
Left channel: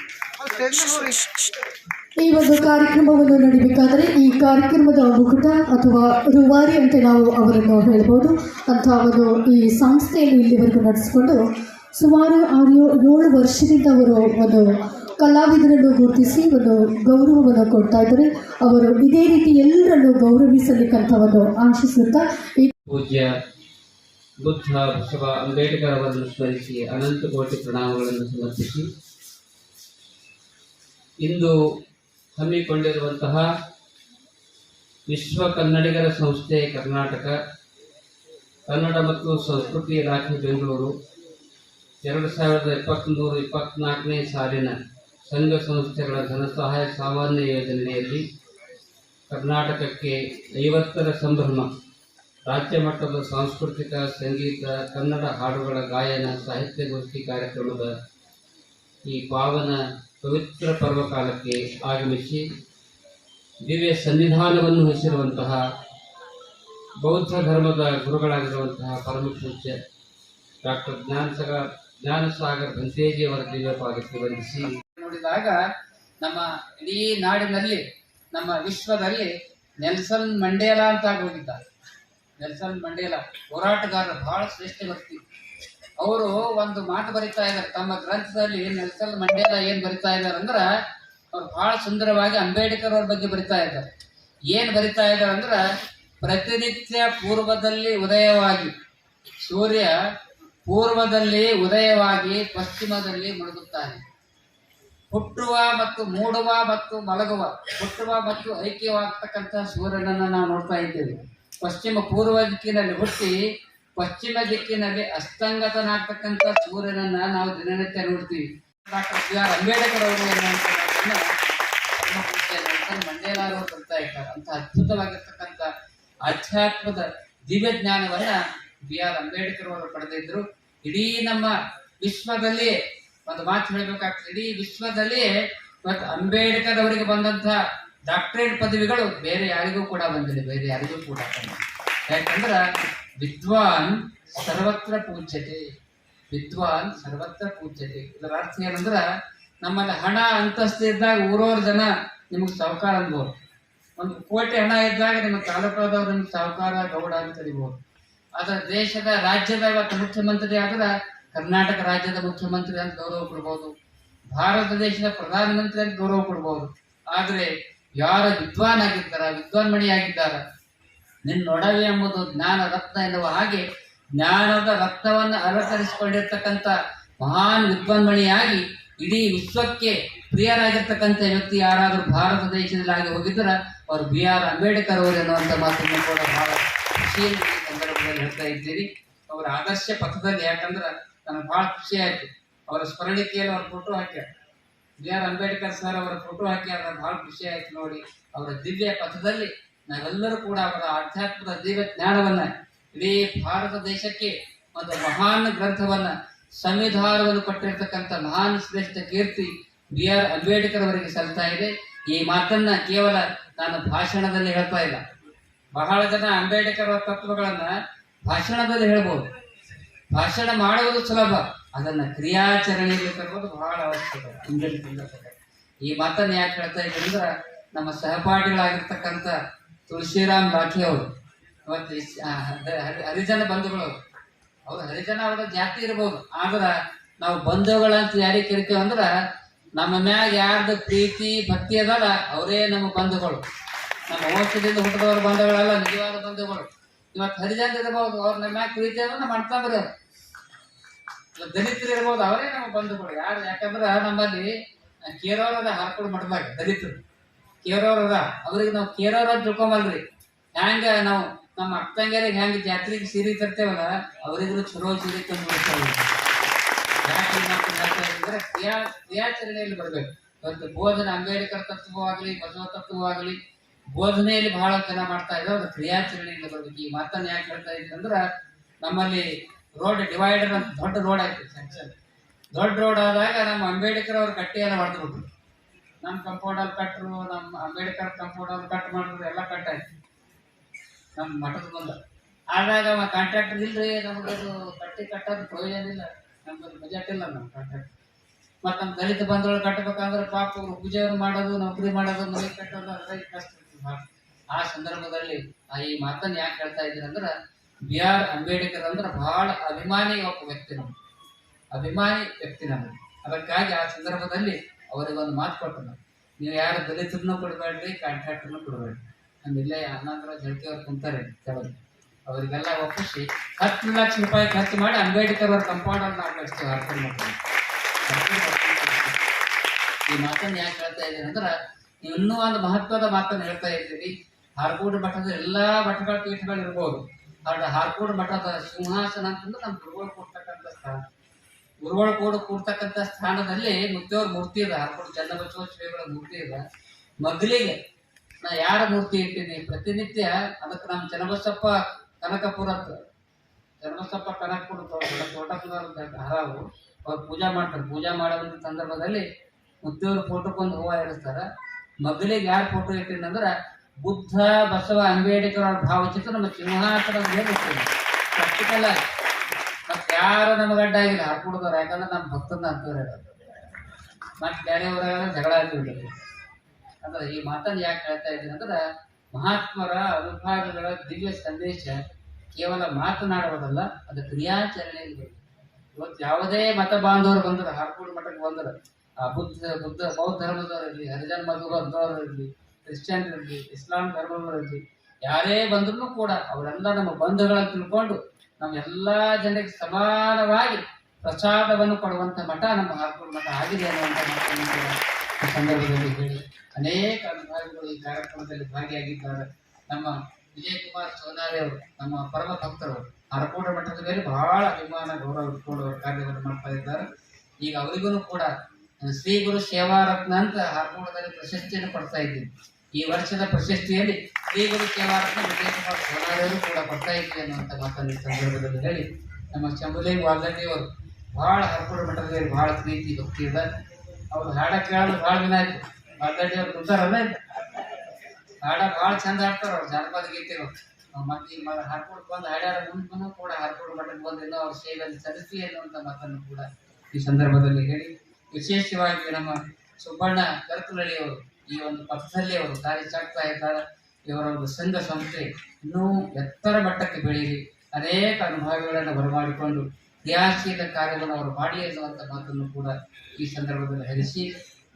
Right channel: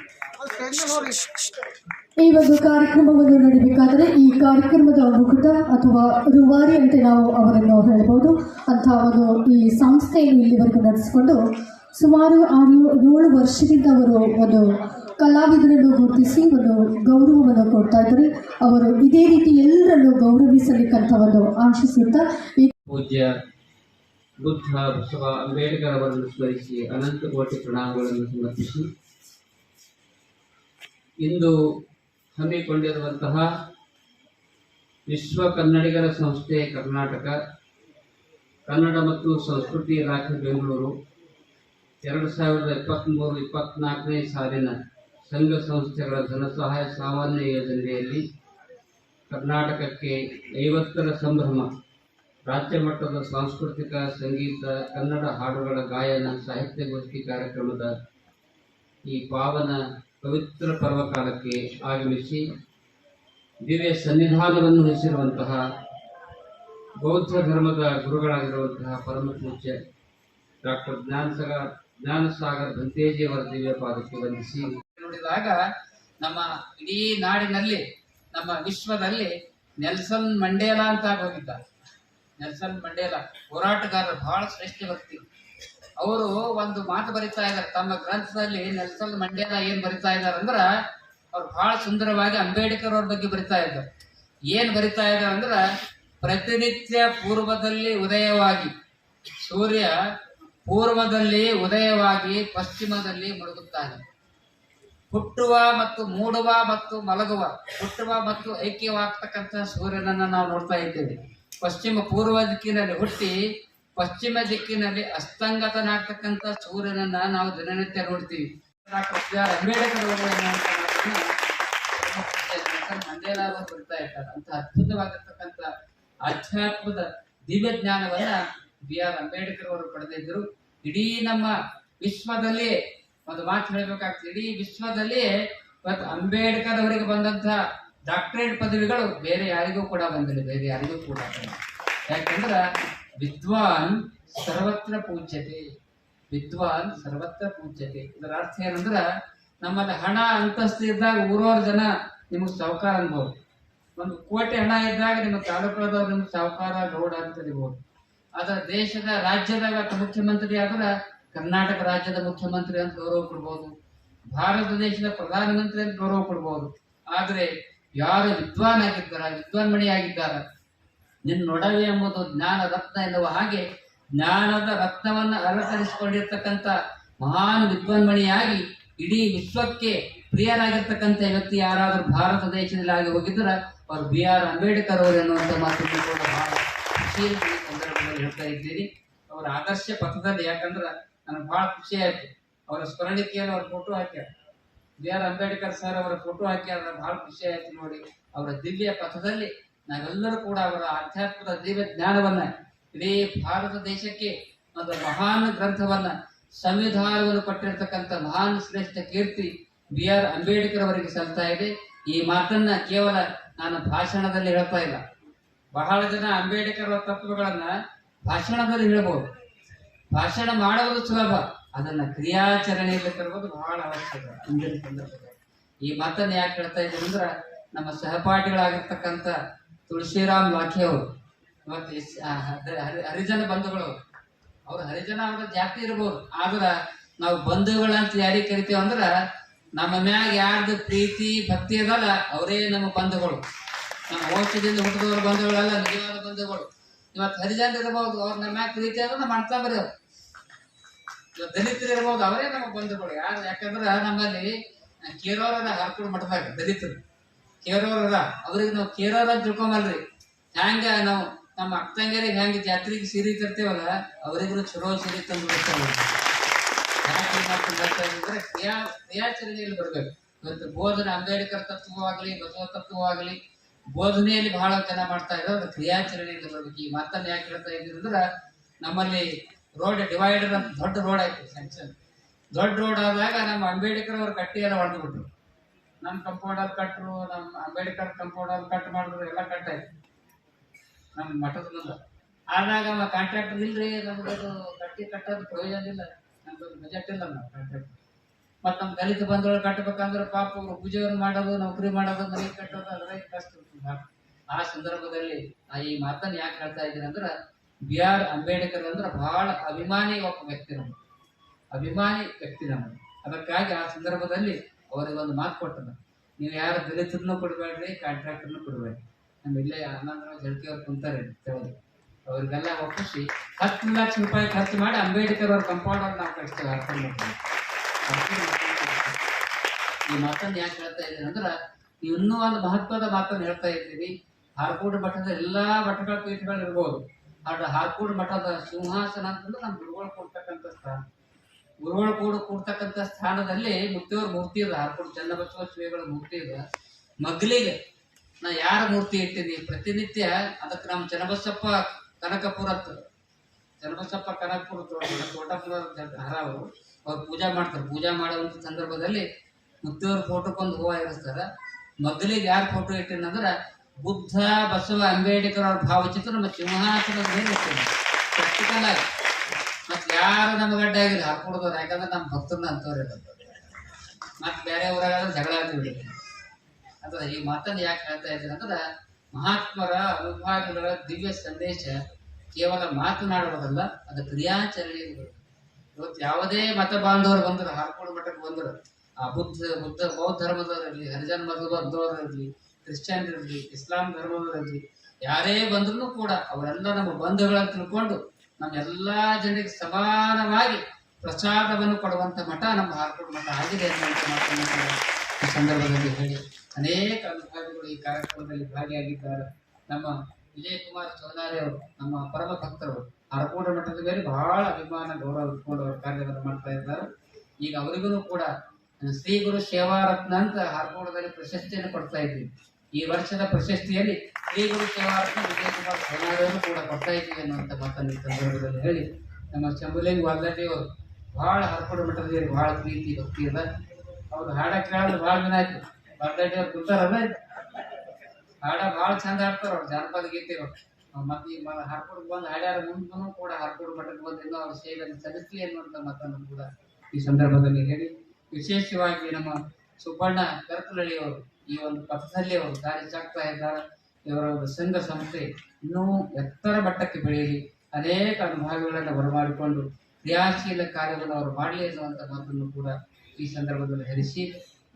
ಈ ಒಂದು ಕಾರ್ಯಕ್ರಮವನ್ನು ನಡೀಬೇಕಾದರೆ ಈ ಕಾರ್ಯಕ್ರಮದ ಮುಕುಟ ಅಥವಾ ರೂವಾರಿ ಅಂತ ನಾವು ಅವರನ್ನು ಹೇಳ್ಬೋದು ಅಂತ ಅವರು ಈ ಸಂಸ್ಥೆಯನ್ನು ಇಲ್ಲಿವರೆಗೂ ನಡೆಸಿಕೊಂಡು ಸುಮಾರು 6-7 ವರ್ಷದಿಂದ ಅವರು ಒಂದು ಕಲಾವಿದರನ್ನು ಗುರುತಿಸಿ ಒಂದು ಗೌರವವನ್ನು ಕೊಡ್ತಾ ಇದ್ದಾರೆ. ಅವರು ಇದೇ ರೀತಿ ಎಲ್ಲರನ್ನು ಗೌರವಿಸಲಿಕ್ಕಂತ ಒಂದು ಆಶಿಸುತ್ತಾ ಪೂಜ್ಯ ಬುದ್ಧ ಬಸವ ಅಂಬೇಡ್ಕರ್ ಅವರನ್ನು ಸ್ಮರಿಸಿ ಅನಂತ ಕೋಟಿ ಪ್ರಣಾಮಗಳನ್ನು ಸಮರ್ಪಿಸಿ ಇಂದು ಹಮ್ಮಿಕೊಂಡಿರುವಂತಹ ವಿಶ್ವ ಕನ್ನಡಿಗರ ಸಂಸ್ಥೆ ಕರ್ನಾಟಕ, ಕನ್ನಡ ಮತ್ತು ಸಂಸ್ಕೃತಿ ಇಲಾಖೆ ಬೆಂಗಳೂರು 2023-24ನೇ ಸಾಲಿನ ಸಂಘ ಸಂಸ್ಥೆಗಳ ಧನಸಹಾಯ ಸಾಮಾನ್ಯ ಯೋಜನೆಯಲ್ಲಿ ಕರ್ನಾಟಕಕ್ಕೆ 50ರ ಸಂಭ್ರಮ ರಾಜ್ಯ ಮಟ್ಟದ ಸಾಂಸ್ಕೃತಿಕ ಸಂಗೀತ ಕನ್ನಡ ಹಾಡುಗಳ ಗಾಯನ ಸಾಹಿತ್ಯಗೋಷ್ಠಿ ಕಾರ್ಯಕ್ರಮದ ಈ ಪಾವನ ಪವಿತ್ರ ಪರ್ವಕಾಲಕ್ಕೆ ಆಗಮಿಸಿ ದಿವ್ಯ ಸನ್ನಿಧಾನವನ್ನು ವಹಿಸಿರುವಂತಹ ಬೌದ್ಧ ಧರ್ಮದ ಗುರುಗಳಾಗಿರುವಂತಹ ಪರಮ ಪೂಜ್ಯ ಡಾಕ್ಟರ್ ಜ್ಞಾನಸಾಗರ್ ಭಂತೇಜಿಯವರ ದಿವ್ಯ ಪಾದಕ್ಕೆ ವಂದಿಸಿ ನೋಡಿದಾಗ ನಮ್ಮ ಇಡೀ ನಾಡಿನಲ್ಲಿ, ನಮ್ಮ ವಿಶ್ವದಲ್ಲಿ ನೆಲ್ಸನ್ ಮಂಡೇಲಾ ಅಂತ ಹೋಗಿದ್ದಾರೆ. ನೆಲ್ಸನ್ ಮಂಡೇಲಾ ಹೋರಾಟಗಾರರು, ಬಹಳ ಶ್ರೇಷ್ಠ ವ್ಯಕ್ತಿ. ಅವರು ಒಂದು ಮಾತು ಬರಿತಾ ಇದ್ದಾರೆ ತಮ್ಮ ಗ್ರಂಥದಲ್ಲಿ. ನೆಲ್ಸನ್ ಮಂಡೇಲಾ ಏನ್ ಬರಿತಾ ಇದ್ದಾರೆ ಅಂದ್ರ, ಅವ್ರು ಬಹಳ ಸುಂದರವಾಗಿ ಅಂಬೇಡ್ಕರ್ ಅವ್ರ ಬಗ್ಗೆ ಬರಿತಾ ಇದ್ದಾರೆ. ಏನ್ ಬರಿತಾ ಇದ್ದಾರೆ ಅಂದ್ರ, ಪ್ರತಿನಿತ್ಯ ಪೂರ್ವದಲ್ಲಿ ಉದಯವಾಗಿ, ಸೂರ್ಯ ಪೂರ್ವದಲ್ಲಿ ಉದಯವಾಗಿ ಪಶ್ಚಿಮದಲ್ಲಿ ಮುಳುಗುತ್ತಾನೆ. ಹುಟ್ಟುವ ಮತ್ತು ಮೂಡುವ ಮತ್ತು ಮಲಗುವ, ಹುಟ್ಟುವ ಮತ್ತು ಐಕ್ಯವಾಗ್ತಕ್ಕಂಥ ಸೂರ್ಯನನ್ನ ನಾವು ನೋಡ್ತಾ ಇದ್ದೇವೆ. ಪೂರ್ವ ದಿಕ್ಕಿನಲ್ಲಿ ಹುಟ್ಟಿ ಪಶ್ಚಿಮ ದಿಕ್ಕಿನಲ್ಲಿ ಅಸ್ತಂಗತನಾಗ್ತಕ್ಕಂಥ ಸೂರ್ಯನನ್ನ ನಾವು ದಿನನಿತ್ಯ ನೋಡ್ತೀವಿ. ಡಾಕ್ಟರ್ BR ಅಂಬೇಡ್ಕರ್ ಅವರು ಮಂಡೇಲಾ ಅವರು ಬರ್ತಾ ಇದ್ದಾರೆ. ಅಂತ ಅದ್ಭುತವಾಗಿರ್ತಕ್ಕಂಥ ಆಧ್ಯಾತ್ಮದ ದಿವ್ಯ ಜ್ಞಾನವನ್ನ BR ಅಂಬೇಡ್ಕರ್ ಅವರು ಪಡೆದಿದ್ರು. ಇಡೀ ನಮ್ಮ ವಿಶ್ವದಲ್ಲಿ ಒಂದು ಮಾತು ಹೇಳಬೇಕಾಗ್ತದೆ, ಇಡೀ ವಿಶ್ವದಲ್ಲಿ ಇವತ್ತು ಅಂಬೇಡ್ಕರ್ ಅವರಿಗೆ ಬಂದಂತಹ ಡಾಕ್ಟರೇಟ್ ಪದವಿಗಳು ಬೇರೆ ಯಾರಿಗೂ ಕೂಡ ಬಂದಿಲ್ಲ, ಬೇರೆ ಯಾರಿಗೂ ಕೂಡ ಬಂದಿಲ್ಲ. ಯಾಕಂದ್ರೆ ವಿದ್ವಾನ್ ಸರ್ವತ್ರ ಪೂಜ್ಯತೆ, ವಿದ್ವಾನ್ ಸರ್ವತ್ರ ಪೂಜ್ಯತೆ. ಇದರ ಅರ್ಥ ಏನಂದ್ರ, ನಮ್ಮಲ್ಲಿ ಹಣ ಅಂತಸ್ತು ಇದ್ದಾಗ ಊರವ್ರ ಜನ ನಿಮಗೆ ಸಾಹುಕಾರ ಅನ್ಬೋದು, ಒಂದು ಕೋಟಿ ಹಣ ಇದ್ದಾಗ ನಿಮ್ಮ ತಾಲೂಕಾದವ್ರು ನಿಮ್ಗೆ ಸಾಹುಕಾರ ಗೌಡ ಅಂತ ಕರಿಬಹುದು. ಆದ್ರೆ ದೇಶದ ರಾಜ್ಯದ ಇವತ್ತು ಮುಖ್ಯಮಂತ್ರಿ ಆದ್ರೆ ಕರ್ನಾಟಕ ರಾಜ್ಯದ ಮುಖ್ಯಮಂತ್ರಿ ಅಂತ ಗೌರವ ಕೊಡ್ಬೋದು, ಭಾರತ ದೇಶದ ಪ್ರಧಾನಮಂತ್ರಿ ಅಂತ ಗೌರವ ಕೊಡ್ಬೋದು. ಆದ್ರೆ ಯಾರು ವಿದ್ವಾನ್ ಆಗಿದ್ದಾರ, ವಿದ್ವಾನ್ ಮಣಿಯಾಗಿದ್ದಾರ, ನಿನ್ನ ನೊಡವೆ ಎಂಬುದು ಜ್ಞಾನ ರತ್ನ ಎನ್ನುವ ಹಾಗೆ ಜ್ಞಾನದ ರತ್ನವನ್ನು ಅಲಂಕರಿಸಿಕೊಂಡಿರ್ತಕ್ಕಂಥ ಮಹಾನ್ ವಿದ್ವಾನ್ಮಣಿಯಾಗಿ ಇಡೀ ವಿಶ್ವಕ್ಕೆ ಪ್ರಿಯರಾಗಿರ್ತಕ್ಕಂಥ ವ್ಯಕ್ತಿ ಯಾರಾದ್ರೂ ಭಾರತ ದೇಶದಲ್ಲಿ ಆಗಿ ಹೋಗಿದ್ರ ಅವರು BR ಅಂಬೇಡ್ಕರ್ ಅವರು ಎನ್ನುವಂಥ ಮಾತನ್ನು ಕೂಡ ಬಹಳ ಖುಷಿಯಲ್ಲಿ ಈ ಸಂದರ್ಭದಲ್ಲಿ ಹೇಳ್ತಾ ಇದ್ದೀರಿ. ಅವರ ಆದರ್ಶ ಪಥದಲ್ಲಿ, ಯಾಕಂದ್ರೆ ನನಗೆ ಬಹಳ ಖುಷಿ ಆಯ್ತು. ಅವರ ಸ್ಮರಣಿಕೆಯಲ್ಲಿ ಅವ್ರ ಫೋಟೋ ಹಾಕ್ಯಾರ, BR ಅಂಬೇಡ್ಕರ್ ಸರ್ ಅವರ ಫೋಟೋ ಹಾಕ್ಯಾರ. ಬಹಳ ಖುಷಿ ಆಯ್ತು ನೋಡಿ. ಅವರ ದಿವ್ಯ ಪಥದಲ್ಲಿ ನಾವೆಲ್ಲರೂ ಕೂಡ ಅವರ ಆಧ್ಯಾತ್ಮದ ದಿವ್ಯ ಜ್ಞಾನವನ್ನ, ಇಡೀ ಭಾರತ ದೇಶಕ್ಕೆ ಒಂದು ಮಹಾನ್ ಗ್ರಂಥವನ್ನ, ಸಂವಿಧಾನವನ್ನು ಕೊಟ್ಟಿರ್ತಕ್ಕಂಥ ಮಹಾನ್ ಶ್ರೇಷ್ಠ ಕೀರ್ತಿ BR ಅಂಬೇಡ್ಕರ್ ಅವರಿಗೆ ಸಲ್ತಾ ಇದೆ. ಈ ಮಾತನ್ನ ಕೇವಲ ನಾನು ಭಾಷಣದಲ್ಲಿ ಹೇಳ್ತಾ ಇಲ್ಲ. ಬಹಳ ಜನ ಅಂಬೇಡ್ಕರ್ ಅವರ ತತ್ವಗಳನ್ನ ಭಾಷಣದಲ್ಲಿ ಹೇಳ್ಬೋದು, ಭಾಷಣ ಮಾಡುವುದು ಸುಲಭ, ಅದನ್ನ ಕ್ರಿಯಾಚರಣೆಯಲ್ಲಿ ತರುವುದು ಬಹಳ ಅವಶ್ಯಕ. ಈ ಮಾತನ್ನ ಯಾಕೆ ಹೇಳ್ತಾ ಇದ್ದಾರೆ ಅಂದ್ರೆ, ನಮ್ಮ ಸಹಪಾಠಿಗಳಾಗಿರ್ತಕ್ಕಂಥ ತುಳಸಿರಾಮ್ ಲಾಖೆ ಅವರು ಮತ್ತೆ ಹರಿಜನ ಬಂಧುಗಳು, ಅವ್ರು ಹರಿಜನ ಅವರ ಜಾತಿ ಇರ್ಬೋದು, ಆದ್ರ ನಾವು ಬಂಧುಗಳಂತ ಯಾರಿಗೆ ಕರಿತೀವಿ ಅಂದ್ರ, ನಮ್ಮ ಮ್ಯಾಗ ಯಾರ್ದು ಪ್ರೀತಿ ಭಕ್ತಿ ಅದಲ್ಲ ಅವರೇ ನಮ್ಮ ಬಂಧುಗಳು. ನಮ್ಮ ವಂಶದಿಂದ ಹುಟ್ಟಿದವರು ಬಂಧುಗಳೆಲ್ಲ ನಿಜವಾದ ಬಂಧುಗಳು. ಇವತ್ತು ಹರಿಜನ ಇರ್ಬೋದು, ಅವ್ರು ನಮ್ಮ ಮ್ಯಾಗ ಪ್ರೀತಿ ಅದ ನಮ್ಮ ಅಣ್ಣ ತಮ್ಮರು. ದಲಿತರು ಇರ್ಬೋದು, ಅವರೇ ನಮ್ಮ ಬಂಧುಗಳು. ಯಾರು? ಯಾಕಂದ್ರ ನಮ್ಮಲ್ಲಿ ಕೇರೋರದ ಹರ್ಕೊಂಡು ಮಠದಾಗ ದಲಿತರು ಕೇರೋರದ, ಅವ್ರಿಗೆ ನಾವು ಕೇರೋರ ಅಂತ ತಿಳ್ಕೊಂಬಲ್ರಿ. ಹ್ಯಾಂಗ ನಾವು ನಮ್ಮ ಅಕ್ಕಂಗರಿಗೆ ಹೆಂಗ ಜಾತ್ರೆಗೆ ಸೀರೆ ತರ್ತೇವಲ್ಲ, ಅವರಿಗೂ ಚಲೋ ಸೀರೆ ತಂದು ಬರ್ತಾವೆ. ಯಾಕೆ ಮಾಡ್ತಾರೆ? ಕ್ರಿಯಾಚರಣೆಯಲ್ಲಿ ಬರ್ಬೇಕು. ಇವತ್ತು ಬೋಧನೆ, ಅಂಬೇಡ್ಕರ್ ತತ್ವವಾಗಲಿ ಬಸವ ತತ್ವವಾಗಲಿ ಬೋಧನೆಯಲ್ಲಿ ಬಹಳ ಜನ ಮಾಡ್ತಾ ಇದ್ದಾರೆ, ಅದು ಕ್ರಿಯಾಚರಣೆಯಲ್ಲಿ ಬರ್ಬೇಕು. ಈ ಮಾತನ್ನ ಯಾಕೆ ಹೇಳ್ತಾ ಇದ್ದೀನಿ ಅಂದ್ರೆ, ನಮ್ಮಲ್ಲಿ ರೋಡ್ ಡಿವೈಡರ್ ಅಂತ ದೊಡ್ಡ ರೋಡ್ ಆಯ್ತು, ಸ್ಯಾಂಕ್ಷನ್ ದೊಡ್ಡ ರೋಡ್ ಆದಾಗ ನಮ್ಮ ಅಂಬೇಡ್ಕರ್ ಅವ್ರ ಕಟ್ಟಿಯನ್ನು ಹೊಡೆದು ಬಿಟ್ರು. ನಮ್ಮ ಕಂಪೌಂಡರ್ ಕಟ್ಟರು, ನಮ್ಮ ಅಂಬೇಡ್ಕರ್ ಕಂಪೌಂಡರ್ ಕಟ್ ಮಾಡಿದ್ರು, ಎಲ್ಲ ಕಟ್ಟಾಯ್ತು ನಮ್ಮ ಮಠದ ಬಂದ. ಆದಾಗ ಕಾಂಟ್ರಾಕ್ಟರ್ ಇಲ್ರಿ, ನಮ್ಗದು ಕಟ್ಟೋದು ಪ್ರಯೋಜನ ಇಲ್ಲ, ನಮ್ಗದು ಬಜೆಟ್ ಇಲ್ಲ, ನಾವು ಕಾಂಟ್ರಾಕ್ಟರ್. ಮತ್ತು ನಮ್ಮ ದಲಿತ ಬಂಧುಗಳು ಕಟ್ಟಬೇಕಂದ್ರೆ ಪಾಪ ಅವರು ಪೂಜೆಯನ್ನು ಮಾಡೋದು, ನೌಕರಿ ಮಾಡೋದು, ಮನೆ ಕಟ್ಟೋದು, ಅದ್ರಾಗ ಕಷ್ಟ ಇರ್ತದೆ. ಆ ಸಂದರ್ಭದಲ್ಲಿ ಈ ಮಾತನ್ನು ಯಾಕೆ ಹೇಳ್ತಾ ಇದ್ದೀನಿ ಅಂದ್ರೆ, BR ಅಂಬೇಡ್ಕರ್ ಅಂದ್ರೆ ಬಹಳ ಅಭಿಮಾನಿ ಒಬ್ಬ ವ್ಯಕ್ತಿ, ನಮ್ಗೆ ಅಭಿಮಾನಿ ವ್ಯಕ್ತಿ ನಮಗೆ. ಅದಕ್ಕಾಗಿ ಆ ಸಂದರ್ಭದಲ್ಲಿ ಅವರಿಗೆ ಒಂದು ಮಾತು ಕೊಟ್ಟರು, ನೀವು ಯಾರು ದಲಿತರನ್ನು ಕೊಡಬೇಡ್ರಿ, ಕಾಂಟ್ರಾಕ್ಟರ್ನು ಕೊಡಬೇಡ್ರಿ. ನಮ್ಮ ಇಲ್ಲೇ ಆನಂದರಾವ್ ಜಳಕಿ ಅವ್ರು ಕುಂತಾರೆ ಕೆಲವರು, ಅವರಿಗೆಲ್ಲ ಒಪ್ಪಿಸಿ 10 ಲಕ್ಷ ರೂಪಾಯಿ ಖರ್ಚು ಮಾಡಿ ಅಂಬೇಡ್ಕರ್ ಅವ್ರ ಕಂಪೌಂಡರ್ ನಾವು ಕಳಿಸ್ತೇವೆ ಅರ್ಪಣೆ ಮಾಡ್ತೀವಿ. ಈ ಮಾತನ್ನು ಯಾಕೆ ಹೇಳ್ತಾ ಇದ್ದೀನಿ ಅಂದ್ರೆ, ನೀವು ಇನ್ನೂ ಒಂದು ಮಹತ್ವದ ಮಾತನ್ನು ಹೇಳ್ತಾ ಇದ್ದೀರಿ. ಹಾರ್ಕೋಡ್ ಮಠದ ಎಲ್ಲಾ ಮಠಗಳ ಪೀಠಗಳು ಇರ್ಬೋದು, ಆದ್ರೆ ಹಾರ್ಕೋಡ್ ಮಠದ ಸಿಂಹಾಸನ ಅಂತಂದ್ರೆ ನಮ್ಮ ಗುರುಗಳು ಕೊಡ್ತಕ್ಕಂಥ ಸ್ಥಾನ. ಗುರುಗಳು ಕೂಡ್ತಕ್ಕಂಥ ಸ್ಥಾನದಲ್ಲಿ ಮುಕ್ತಿಯವ್ರ ಮೂರ್ತಿ ಇದೆ, ಹಾರ್ಕೋಡ್ ಚನ್ನಬಸವ ಶ್ರೀಗಳ ಮೂರ್ತಿ ಇದೆ. ಮಗ್ಲಿಗೆ ನಾ ಯಾರ ಮೂರ್ತಿ ಇಟ್ಟಿನಿ ಪ್ರತಿನಿತ್ಯ ಅದಕ್ಕೆ ನಮ್ಮ ಚನ್ನಬಸಪ್ಪ ಕನಕಪುರ ತೋಟಪುರ ಹರಾವು ಅವ್ರು ಪೂಜಾ ಮಾಡ್ತಾರೆ. ಪೂಜಾ ಮಾಡುವಂಥ ಸಂದರ್ಭದಲ್ಲಿ ಮುತ್ತಿಯವ್ರ ಫೋಟೋಕ್ಕೊಂದು ಹೂವು ಇರಿಸ್ತಾರೆ. ಮಗ್ಲಿಗೆ ಯಾರು ಫೋಟೋ ಇಟ್ಟಿನಂದ್ರೆ ಬುದ್ಧ, ಬಸವ, ಅಂಬೇಡ್ಕರ್ ಅವ್ರ ಭಾವಚಿತ್ರ ನಮ್ಮ ಸಿಂಹಾಸನದ ಮೇಲೆ ಇಟ್ಟಿದೆ ಪ್ರಾಕ್ಟಿಕಲ್ ಆಗಿ. ಮತ್ತೆ ಯಾರು ನಮಗೆ ಅಡ್ಡ ಆಗಿಲ್ಲ ಹಾರ್ಕೊಡೋದವ್ರು, ಯಾಕಂದ್ರೆ ನಮ್ಮ ಭಕ್ತರನ್ನ ಅಂತವ್ರು ಇರೋದು. ಮತ್ತೆ ಬೇರೆಯವರಾಗ ಜಗಳ ಆಗ್ತಿಬಿಟ್ಟಿದೆ. ಅಂದ್ರೆ ಈ ಮಾತನ್ನು ಯಾಕೆ ಹೇಳ್ತಾ ಇದ್ದೀನಿ ಅಂದ್ರೆ, ಮಹಾತ್ಮರ ಅನುಭಾವಗಳ ದಿವ್ಯ ಸಂದೇಶ ಕೇವಲ ಮಾತನಾಡುವುದಲ್ಲ, ಅದು ಕ್ರಿಯಾಚರಣೆ. ಇವತ್ತು ಯಾವುದೇ ಮತ ಬಾಂಧವರು ಬಂದರು, ಹಾರ್ಕೋಡ್ ಮಠಕ್ಕೆ ಬಂದರು, ಆ ಬೌದ್ಧ ಧರ್ಮದವರಿರಲಿ, ಹರಿಜನ ಮತದವರಿರಲಿ, ಕ್ರಿಶ್ಚಿಯನ್ರಿರಲಿ, ಇಸ್ಲಾಂ ಧರ್ಮದವರಿರಲಿ, ಯಾರೇ ಬಂದ್ರೂ ಕೂಡ ಅವರೆಲ್ಲ ನಮ್ಮ ಬಂಧುಗಳನ್ನು ತಿಳ್ಕೊಂಡು ನಮ್ಮೆಲ್ಲಾ ಜನರಿಗೆ ಸಮಾನವಾಗಿ ಪ್ರಸಾದವನ್ನು ಕೊಡುವಂತ ಮಠ ನಮ್ಮ ಹಾರ್ಕೋಡ್ ಮಠ ಆಗಿದೆ ಅನ್ನುವಂಥ ಮಾತನ್ನು ಕೂಡ ಈ ಸಂದರ್ಭದಲ್ಲಿ ಹೇಳಿ, ಅನೇಕ ಅನುಭವಿಗಳು ಈ ಕಾರ್ಯಕ್ರಮದಲ್ಲಿ ಭಾಗಿಯಾಗಿದ್ದಾರೆ. ನಮ್ಮ ವಿಜಯಕುಮಾರ್ ಸೋನಾರಿ ಅವರು ನಮ್ಮ ಪರಮ ಭಕ್ತರು, ಹಾರ್ಕೋಡ್ ಮಠದ ಮೇಲೆ ಬಹಳ ಅಭಿಮಾನ ಗೌರವ ಇಟ್ಕೊಂಡು ಕಾರ್ಯವನ್ನು ಮಾಡ್ತಾ ಇದ್ದಾರೆ. ಈಗ ಅವರಿಗೂ ಕೂಡ ಶ್ರೀ ಗುರು ಸೇವಾ ರತ್ನ ಅಂತ ಹಾರ್ಕೋಡದಲ್ಲಿ ಪ್ರಶಸ್ತಿಯನ್ನು ಕೊಡ್ತಾ ಇದ್ದೀವಿ. ಈ ವರ್ಷದ ಪ್ರಶಸ್ತಿಯಲ್ಲಿ ಶ್ರೀ ಗುರು ಸೇವಾ ರತ್ನ ವಿಜಯಕುಮಾರ್ ಸೋನಾರಿ ಅವರು ಕೂಡ ಕೊಡ್ತಾ ಇದ್ದೀವಿ ಅನ್ನುವಂಥ ಮಾತನ್ನು ಈ ಸಂದರ್ಭದಲ್ಲಿ ಹೇಳಿ, ನಮ್ಮ ಶಂಭುಲಿಂಗ ವಾಲ್ದಂಡಿ ಅವರು ಬಹಳ ಹಾರ್ಕೋಡ್ ಮಠದ ಮೇಲೆ ಬಹಳ ಪ್ರೀತಿ ಭಕ್ತಿ ಇದೆ. ಅವ್ರು ಹಾಡ ಕೇಳೋದು ಭಾಳ ದಿನ ಆಯ್ತು. ವಾಲ್ದಂಡಿ ಅವ್ರು ಕೂತಾರಲ್ಲ, ಹಾಡ ಭಾಳ ಚಂದ ಹಾಡ್ತಾರೆ ಅವ್ರು, ಜಾನಪದ ಗೀತೆಗಳು. ಮತ್ತೆ ಹಾರ್ಕೋಡ್ ಬಂದು ಹಾಡ್ಯಾರ ಮುಂದೂ ಕೂಡ ಹಾರ್ಕೋಡ್ ಮಠಕ್ಕೆ ಬಂದು ಇನ್ನೂ ಅವ್ರ ಸೇವೆಯನ್ನು ಸಲ್ಲಿಸಿ ಅನ್ನುವಂಥ ಮಾತನ್ನು ಕೂಡ ಈ ಸಂದರ್ಭದಲ್ಲಿ ಹೇಳಿ, ವಿಶೇಷವಾಗಿ ನಮ್ಮ ಸುಬ್ಬಣ್ಣ ಕರಕಲಳ್ಳಿ ಅವರು ಈ ಒಂದು ಪಥದಲ್ಲಿ ಅವರು ದಾರಿ ಸಾಕ್ತಾ ಇದ್ದಾರೆ. ಇವರ ಒಂದು ಸಂಘ ಸಂಸ್ಥೆ ಇನ್ನೂ ಎತ್ತರ ಮಟ್ಟಕ್ಕೆ ಬೆಳೆಯಲಿ, ಅನೇಕ ಅನುಭವಗಳನ್ನು ಬರಮಾಡಿಕೊಂಡು ಕ್ರಿಯಾಶೀಲ ಕಾರ್ಯವನ್ನು ಅವರು ಮಾಡಲಿ ಅನ್ನುವಂಥ ಮಾತನ್ನು ಕೂಡ ಈ ಸಂದರ್ಭದಲ್ಲಿ ಹರಿಸಿ,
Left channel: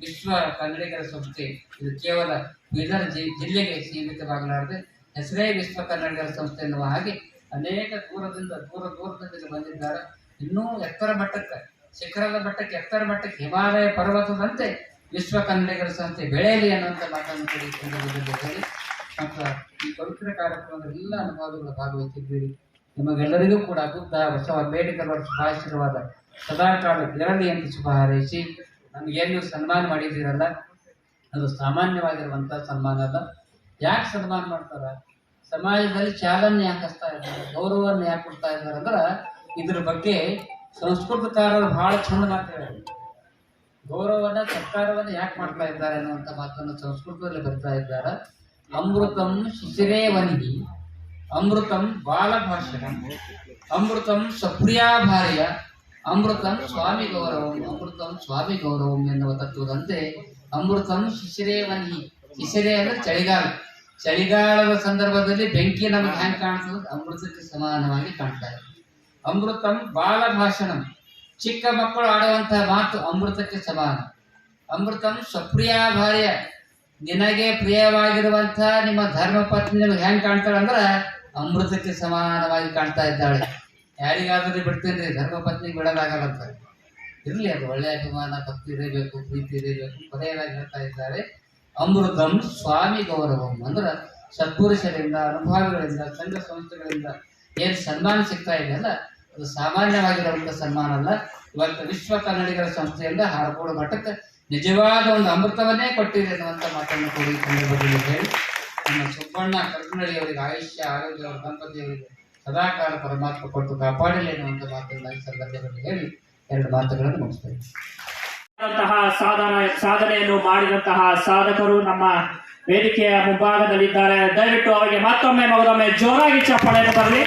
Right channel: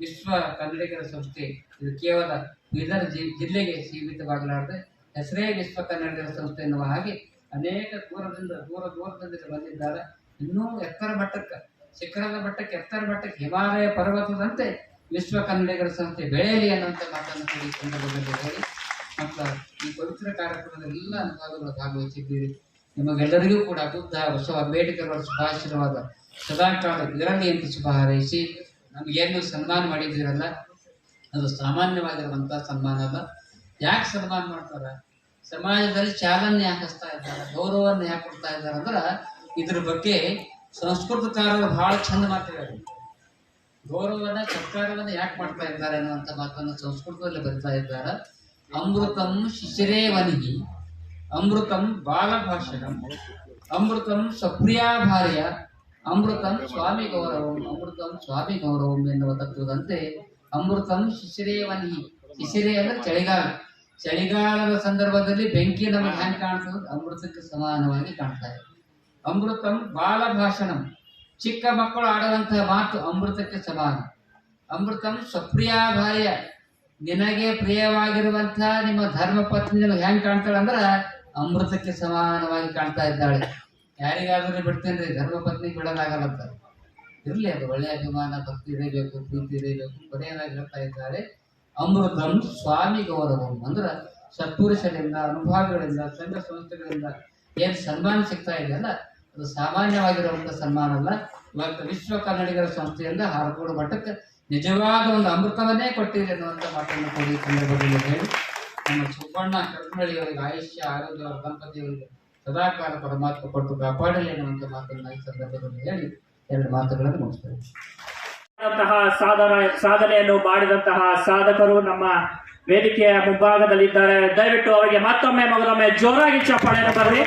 ವಿಶ್ವ ಕನ್ನಡಿಗರ ಸಂಸ್ಥೆ ಇದು ಕೇವಲ ಬೀದರ್ ಜಿಲ್ಲೆಗೆ ಸೀಮಿತವಾಗಲಾರದೆ ಹೆಸರೇ ವಿಶ್ವ ಕನ್ನಡಿಗರ ಸಂಸ್ಥೆ ಎನ್ನುವ ಹಾಗೆ ಅನೇಕ ದೂರದಿಂದ ಬಂದಿದ್ದಾರೆ. ಇನ್ನೂ ಎತ್ತರ ಮಟ್ಟಕ್ಕೆ, ಶಿಖರದ ಮಟ್ಟಕ್ಕೆ, ಎತ್ತರ ಮಟ್ಟಕ್ಕೆ, ಹಿಮಾಲಯ ಪರ್ವತದಂತೆ ವಿಶ್ವ ಕನ್ನಡಿಗರ ಸಂಸ್ಥೆ ಬೆಳೆಯಲಿ ಅನ್ನುವಂಥ ಮಾತನ್ನು ಕೂಡ ಈ ಸಂದರ್ಭದಲ್ಲಿ ಹೇಳಿ, ಮತ್ತು ಈ ಪವಿತ್ರ ಕಾರ್ಯಕ್ರಮದ ಎಲ್ಲ ಅನುಭವಗಳು ಭಾಗವಹಿಸಿದ್ದೀರಿ. ನಿಮಗೆಲ್ಲರಿಗೂ ಕೂಡ ಬುದ್ಧ, ಬಸವ, ಅಂಬೇಡ್ಕರ್ ಅವರ ಶುಭಾಶೀರ್ವಾದ ಸದಾಕಾಲ ಇರಲಿ ಅಂತ ಶುಭ ಹಾರೈಸಿ, ನಮಗೇನು ಸನ್ಮಾನ ಮಾಡಿದ್ದೀರಲ್ಲ ಅದು ಸಾಮಾನ್ಯವಾಗಿರುವಂಥ ಸನ್ಮಾನ ಅಲ್ಲ. ಯಾಕೆ ಸನ್ಮಾನ ಮಾಡ್ತಾರೆ? ಸಮಾಜದಲ್ಲಿ ಚಾಲನೆ ಯಾಕೆ ಹಚ್ತಾ ಇದ್ದಾರೆ, ಗೌರವವನ್ನು ಯಾಕೆ ಕೊಡ್ತಾ ಇದ್ದಾರೆ ಅಂದ್ರೆ ಇದ್ರ ಬಗ್ಗೆ ಸಂಸ್ಕೃತಕಾರರು ಬಹಳ ಚಂದ ಮಾತಾಡ್ತಾರೆ. ಗೌರವನ ಸತ್ಕಾರವನ್ನು ಯಾಕೆ ಮಾಡ್ತಾ ಇದ್ದಾರೆ ಅನ್ನುವಂಥ ಮಾತನ್ನು ಸಂಸ್ಕೃತದಲ್ಲಿ ಬರ್ತಾ ಇದ್ದಾರೆ. ಅಮೃತಂ ಶಿಶಿರೇ ವನಿಹಿ, ಅಮೃತಂ ಬಾಲಭಾಷಣಂ, ಅಮೃತಂ ಸಪ್ರಿಯಾ ಭಾರ್ಯ, ಅಮೃತಂ ಸ್ವಾಮಿ ಗೌರವಂ, ಅಮೃತಂ ಸ್ವಾಮಿ ಗೌರವಂ ಎನ್ನುವ ತತ್ವದಂತೆ ಅಮೃತಂ ಶಿಶಿರೇ ವನಿಹಿ. ಶಿಶಿರೇ ಅಂದ್ರೆ ಚಳಿಗಾಲ. ಚಳಿಗಾಲದ ಸಂದರ್ಭದಲ್ಲಿ ಬೆಂಕಿ ನಮಗೆ ಹ್ಯಾಂಗೆ ಕಾಣ್ತದೆ, ಅಮೃತಕ್ಕೆ ಸಮಾನವಾಗಿ ಕಾಣ್ತಾ ಇದೆ. ಅಮೃತಂ ಬಾಲಭಾಷಣಂ, ಚಿಕ್ಕ ಮಕ್ಕಳು ಆಡುವಂತಹ ಮಾತು ಅಮೃತಕ್ಕೆ ಸಮಾನ. ಅಮೃತಂ ಸ್ವಪ್ರಿಯಾ ಭಾರ್ಯ, ನಿನಗೆ ಪ್ರಿಯವಾಗಿರುವಂತಹ ನಿಮ್ಮ ಧರ್ಮ ಪತ್ನಿ ಹೆಂಗ್ ಕಾಣ್ತಾಳೆ ಅಂದ್ರೆ ಅಮೃತಕ್ಕೆ ಸಮಾನವಾಗಿ ಕಾಣ್ತಾ ಇದ್ದಾಳೆ. ಯಾರಿಗಾದ್ರೂ ಬಿಡ್ತೇನೆ ರೀ, ಧರ್ಮ ಪತ್ನಿ ಬಿಡೋದಾಗಲ್ಲಂತ. ಇರ್ಲಿ, ಅದು ಒಳ್ಳೆಯ ಅಭಿಮಾನ, ಭಕ್ತಿ ಇರಬೇಕು, ಪ್ರೀತಿ ಇರಬೇಕು. ಕೊನೆಯದಾಗಿ ಹೇಳ್ತಾ ಇದ್ದಾರೆ ಅಮೃತಂ ಸ್ವಾಮಿ ಗೌರವಂ ಅಂದ್ರೆ ಸತ್ಪುರುಷರಿಂದ, ಅನುಭವಿಗಳಿಂದ, ಸಂಘ ಸಂಸ್ಥೆಗಳಿಂದ ಏನ್ ಸನ್ಮಾನ ಸಿಗ್ತಾ ಇದೆಯಲ್ಲ ಅದು ಸಾಮಾನ್ಯವಾಗಿರುವಂತ ಸನ್ಮಾನ ಅಲ್ಲ. ಇವತ್ತು ವಿಶ್ವ ಕನ್ನಡಿಗರ ಸಂಸ್ಥೆಯಿಂದ ಹಾರ್ಕೋಡ್ ಮಠಕ್ಕೆ ನಿಜವಾದ ಒಂದು ಅಮೃತವನ್ನೇ ಕೊಟ್ಟಿದೆ ಅನ್ನುವಂಥ ಮಾತನ್ನು ಕೂಡ ಈ ಸಂದರ್ಭದಲ್ಲಿ ಹೇಳಿ, ನಮ್ಮ ಸುಬ್ಬಣ್ಣ ಕರಕಲಳ್ಳಿ ಅವರಿಗೆ ಆಯುಷ್ಯ, ಆರೋಗ್ಯ, ಅವರ ದಂಪತಿಯವರಿಗೆ ಸದಾಕಾಲ ಪರಮಾತ್ಮ ಕೊಟ್ಟು ಕಾಪಾಡಲಿ ಅನ್ನುವಂಥ ಮಾತನ್ನು ಈ ಸಂದರ್ಭದಲ್ಲಿ ಹೇಳಿ ಎರಡು ಮಾತುಗಳನ್ನು ಮುಗಿಸ್ತೇವೆ. ಸಾಧನೆಯನ್ನು ಮಾಡಿದಂತಹ ಸಾಧಕರು ನಮ್ಮ ವೇದಿಕೆಯ ಮುಂಭಾಗದಲ್ಲಿದ್ದಾರೆ. ದಯವಿಟ್ಟು ಅವರಿಗೆ ಮತ್ತೊಮ್ಮೆ ಮಗದೊಮ್ಮೆ ಜೋರಾಗಿ ಚಪ್ಪಾಳೆಯನ್ನು ತರಲಿ.